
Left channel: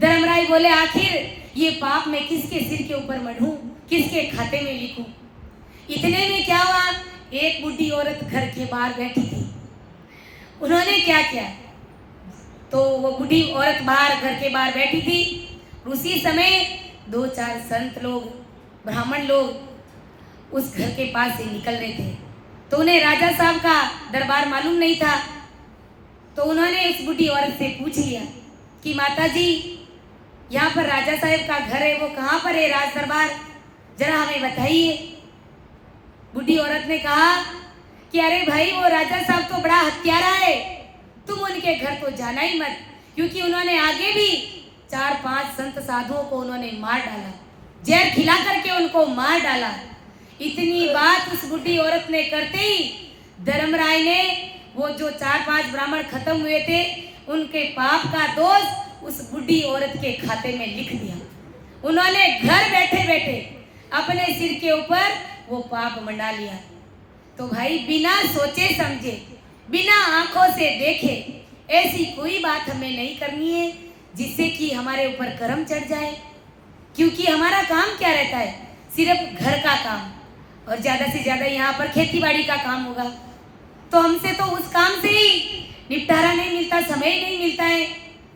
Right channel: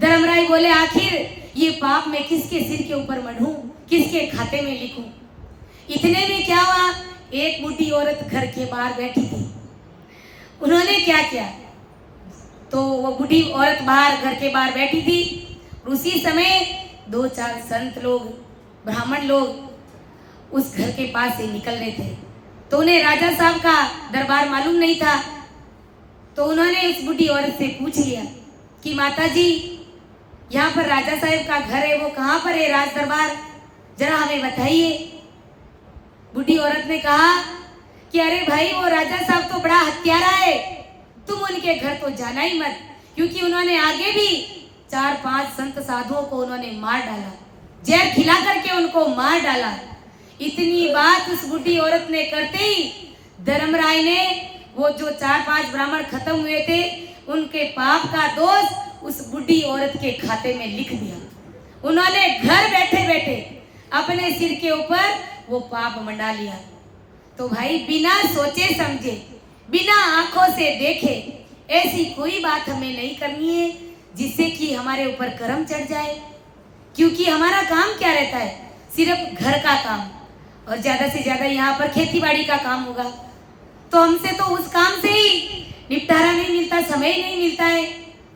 धर्मराय बोले आखिर ये पाप मैं किसके सिर के ऊपर मढ़ूं, किसके खाते में लिखूं। इतने में क्या हुआ, एक बूढ़ी औरत घर के बाहर बैठी थी। उन्होंने क्या किया, तो वो बूढ़ी औरत बाहर घर के बाहर बैठी थी। उसी समय 2-4 संत लोग, ब्राह्मण लोग उस घर के पास से निकल रहे थे। तो उन्हें राजा साहब का दरबार मालूम नहीं था। तो उन्होंने उस बूढ़ी औरत से पूछ लिया कि माता जी, यहाँ पर राजा साहब का घर है, वो कहाँ पर है राज दरबार, जरा हमें बताइए। बूढ़ी औरत ने कहा कि अरे भाई, वो राजा साहब तो बड़ा हत्यारा है, तुम उनके घर तो जाना ही मत, क्योंकि उन्होंने आगे भी 4-5 संत साधुओं को उन्होंने मार डाला, जहर खिला करके उनको मार डाला। इतनी बात उस बूढ़ी औरत ने करते ही धर्मराय ने वो जो 4-5 ब्राह्मण खत्म हुए थे, उनके पाप का दोष उस बूढ़ी औरत के खाते में लिख दिया। उन्होंने घर बैठे बैठे अपने सिर के ऊपर वो पाप मंडा लिया। तो भाई, बिना सोचे समझे, बिना आंखों से देखे ऐसी कोई बात हमें नहीं करनी है जिससे कि हमारे ऊपर कर्म चढ़ जाए। क्योंकि हमारा काम क्या रहता है, सिर्फ घर का काम, और ज्यादा से ज्यादा यहाँ पर खेती बाड़ी का काम होगा। तो हमसे तो उस काम से ही निपटारा नहीं मिलता, समय नहीं मिलता है।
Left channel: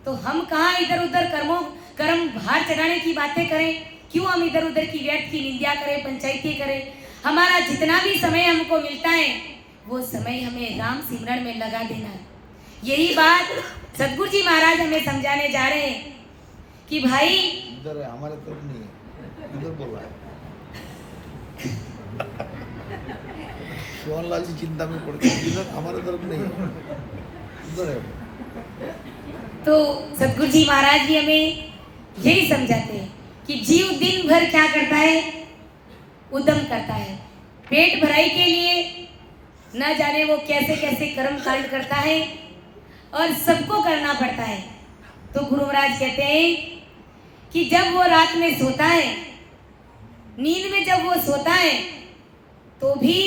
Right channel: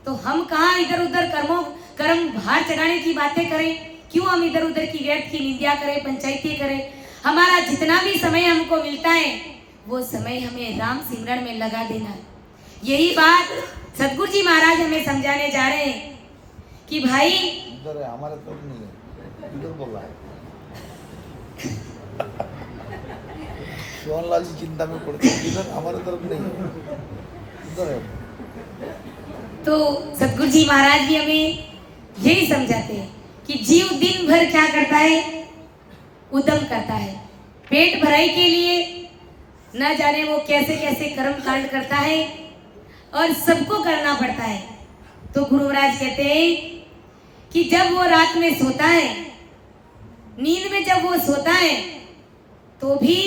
तो हम कहाँ इधर उधर कर्म भार चढ़ाने की बातें करें, क्यों हम इधर उधर की व्यर्थ की निंदा करें, पंचायती करें। हमारा जितना भी समय हमको मिलता है, वो समय हमें राम सिमरन में लगा देना है। यही बात सदगुरु जी महाराज हमें समझाने जा रहे हैं कि भाई, इधर है, हमारे तरफ नहीं है, इधर बोल रहा है। शिवनलाल जी चिंता में पड़ गए, इधर हमारे तरफ नहीं है, इधर है। तो सदगुरु जी महाराज भी हमें यही समझाते हैं कि जीव दिन भर क्या करता है, उद्यम करता है, पेट भराई के लिए न जाने वो कैसे कैसे कर्म कांड करता है, और सबको करना पड़ता है। तो गुरु महाराज कहते हैं कि जब वो रात में सोता है, नींद में जब वो सोता है, तो भी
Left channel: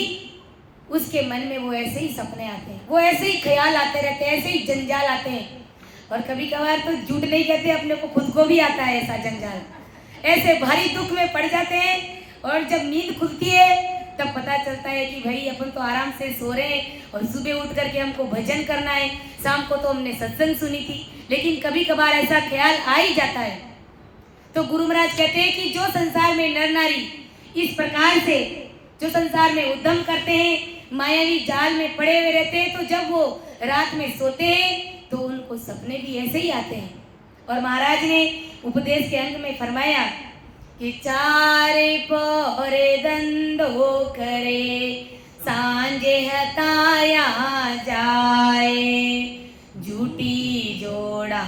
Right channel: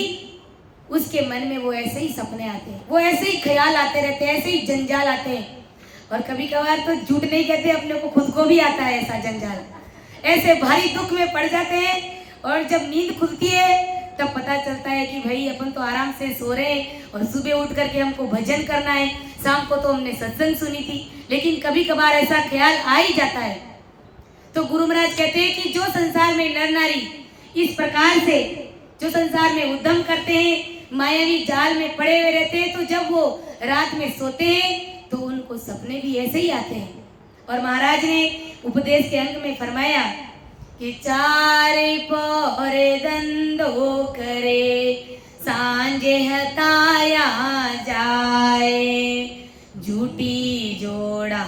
उसके मन में वो ऐसे ही सपने आते हैं, वो ऐसे ही ख्याल आते रहते हैं, ऐसे ही जंजाल आते हैं। और कभी कभार तो झूठ नहीं कहते, अपने को खुद को भी आता है ऐसा जंजाल। ऐसे भारी दुख में पड़ जाते हैं, और जब नींद खुलती है तब पता चलता है कि भाई अपन तो आराम से सो रहे हैं, और सुबह उठ करके हमको भजन करना है, शाम को तो हमने सत्संग सुनी थी। लेकिन कभी कभार ऐसा ख्याल आ ही जाता है। तो गुरु महाराज कहते हैं कि जो संसार में नर नारी इस प्रकार से जो संसार में उद्यम करते हैं, मायावी जाल में पड़े हुए रहते हैं, तो जब वो रात में सोते हैं तो उनको सपने भी ऐसे ही आते हैं। और महाराज ने उपदेश के अंग में फरमाया कि चारे पहरे धंधो करे, सांझे हताया जाए, झूठी जोड़ा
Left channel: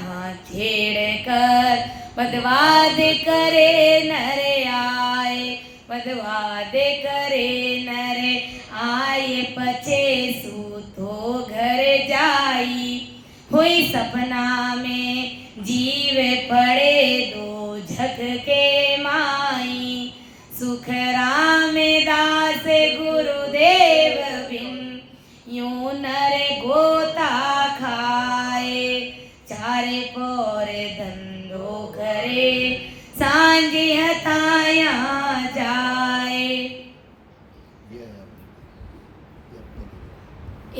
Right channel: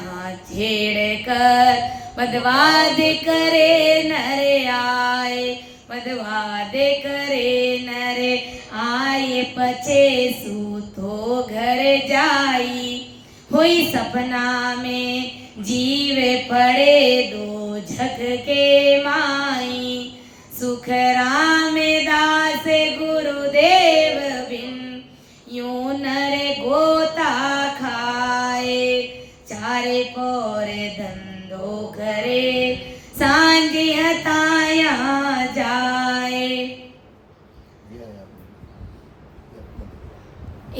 छेड़ कर मदवाद करे नरे आए, मदवाद करे नरे आए, पछे सूतो घर जाई, हुई सपना में जीवे पड़े दो झक के माई, सुख राम दास गुरुदेव बिन यूं नर गोता खाए, चारे पौरे धंधो करे, सांझे हताया जाए।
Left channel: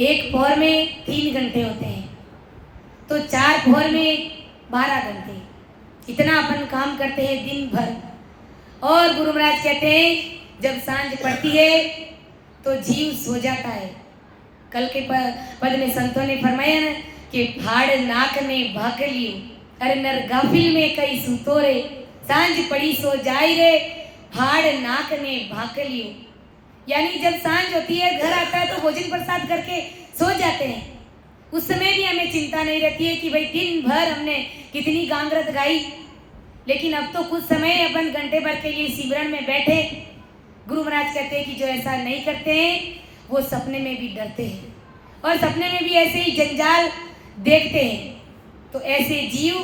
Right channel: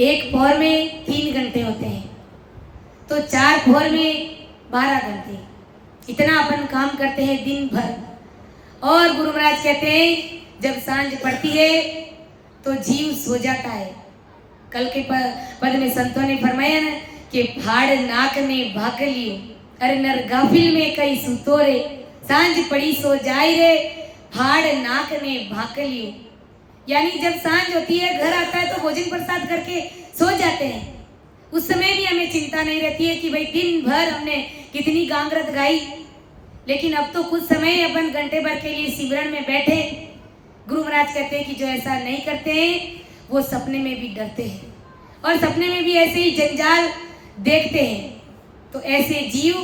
एक पौर में 3 घंटे होते हैं, तो 4 पौर में 12 घंटे, इतना अपन काम करते हैं दिन भर। और गुरु महाराज कहते हैं जब सांझ पड़ती है तो जीव सो जाता है। कल के पद में संतों ने फरमाया ना कि फाड़ नाक ने भाग लियो, अरे नर गाफिल में कई सुतो रे, सांझ पड़ी सो जाई रे, फाड़ नाक ने भाग लियो। यानी जब सांझ होती है, घर आता है तो भोजन प्रसाद करके सो जाते हैं। उस समय भी हमें चिंता नहीं रहती है कि भाई दिन भर हमने कितनी गांगरत गाई। लेकिन अब तो कुछ समय अपन घंटे भर के लिए सिमरन में बैठे। गुरु महाराज कहते हैं कि जो ऐसा नहीं करते हैं वो सपने में भी डरते हैं, और सपने में भी ऐसे ही जंजाल देखते हैं, तो ऐसे जीव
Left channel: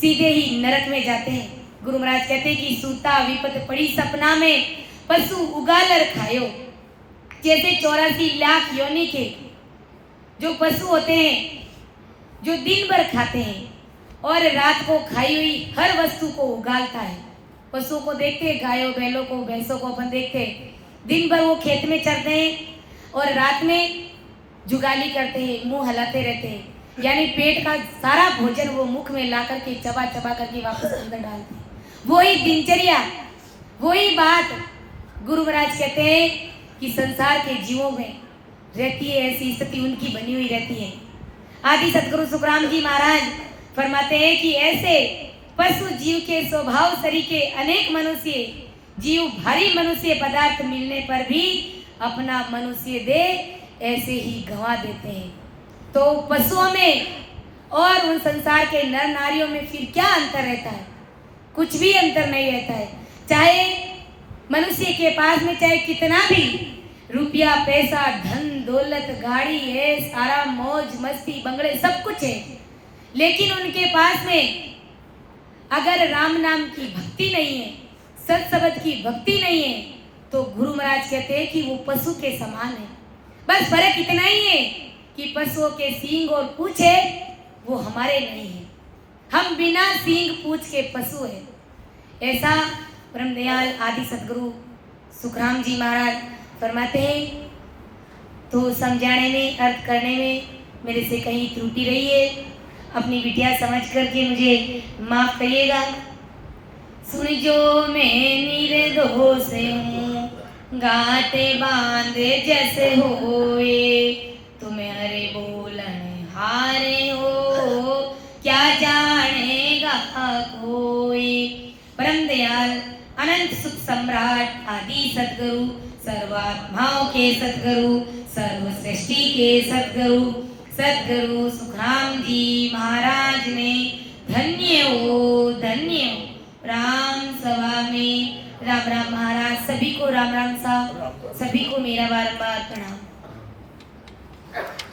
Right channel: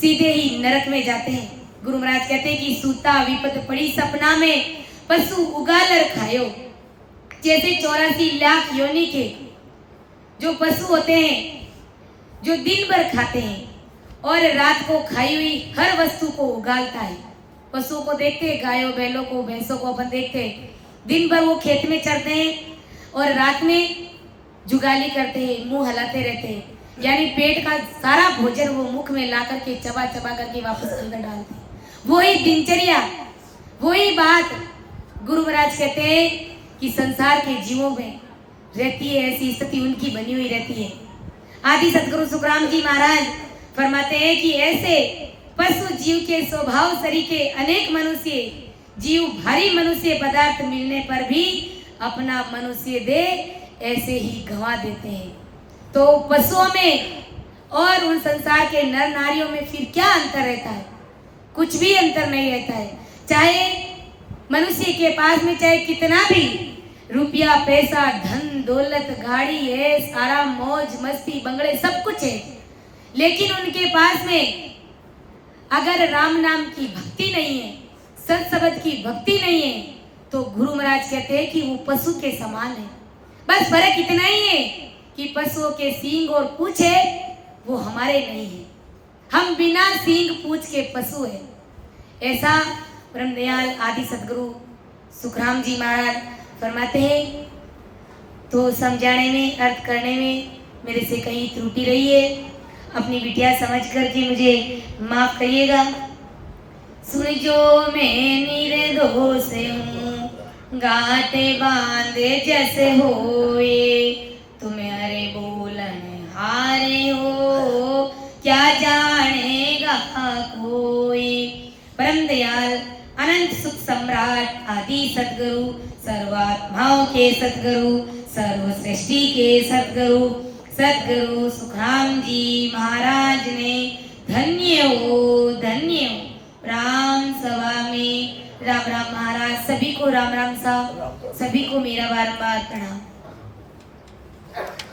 सीधे ही नरक में जाते हैं। गुरु महाराज कहते हैं कि सूता विपत पड़ी सपना में, पशु उगालर खायो। जैसे 84 लाख योनि के जो पशु होते हैं जो दिन भर खाते हैं और रात को खाई हुई हर वस्तु को उगालता है। पशुओं को देखते हैं, गायों बैलों को भैंसों को अपन देखते हैं, दिन भर वो खेत में चरते हैं और रात में जुगाली करते हैं, मुंह हिलाते रहते हैं, यानी पेट का सारा भोजन वो मुख में ला करके चबा चबा करके वापस अंदर डालते हैं। वही दिनचर्या, वही बात गुरु महाराज कहते हैं कि संसार के जीवों में रहती है, ऐसी स्थिति उनकी बनी हुई रहती है। आदि सदगुरु सुखराम जी महाराज फरमाते हैं कि ऐसे पशु जीव के स्वभाव सरीके अनेक मनुष्य जीव भारी मनुष्य पदार्थ मिलने पर भी अपना मनुष्य दे ऐसे ही गंवा देते हैं। तो पशुओं में और उन संसार के नर नारियों में फिर क्या अंतर रहता है? कुछ भी अंतर नहीं रहता है। चाहे मनुष्य के पास में चाहे कितना भी रुपया पैसा धन दौलत गाड़ी है, आराम मौज मस्ती बंगले सब कुछ है, लेकिन उनके पास में अगर राम नाम की भक्ति नहीं है, सत शब्द की भक्ति नहीं है, तो गुरु महाराज कहते हैं कि वो पशु के समान है। बस फर्क इतना ही है कि पशुओं के सींग और पूंछ है, वो हमारे नहीं है। हम बिना सींग पूंछ के पशु है। ऐसा परम दयाल आदि सदगुरु सुखराम जी महाराज फरमाते हैं। तो समझाने में अर्थ करने में मेरे से कहीं त्रुटि रही है, अपनी बिटिया समझ करके मुझे माफ करिएगा। सुन जो मैं निर्दोष हूँ, गाते बांधे जैसे होए, तुम्हारे बोलन हारे हो, क्या जानेगा कोई। परम दयाल अनंत सुख सम्राट आदि सदगुरु, सर्वात्माओं के सदगुरु, सर्व सृष्टि के सदगुरु, सदगुरु सुखराम जी महाराज ने धन्य हो राम सभा में। राम राम महाराज, सभी को राम राम साहब, सभी को मेरा बारंबार प्रणाम।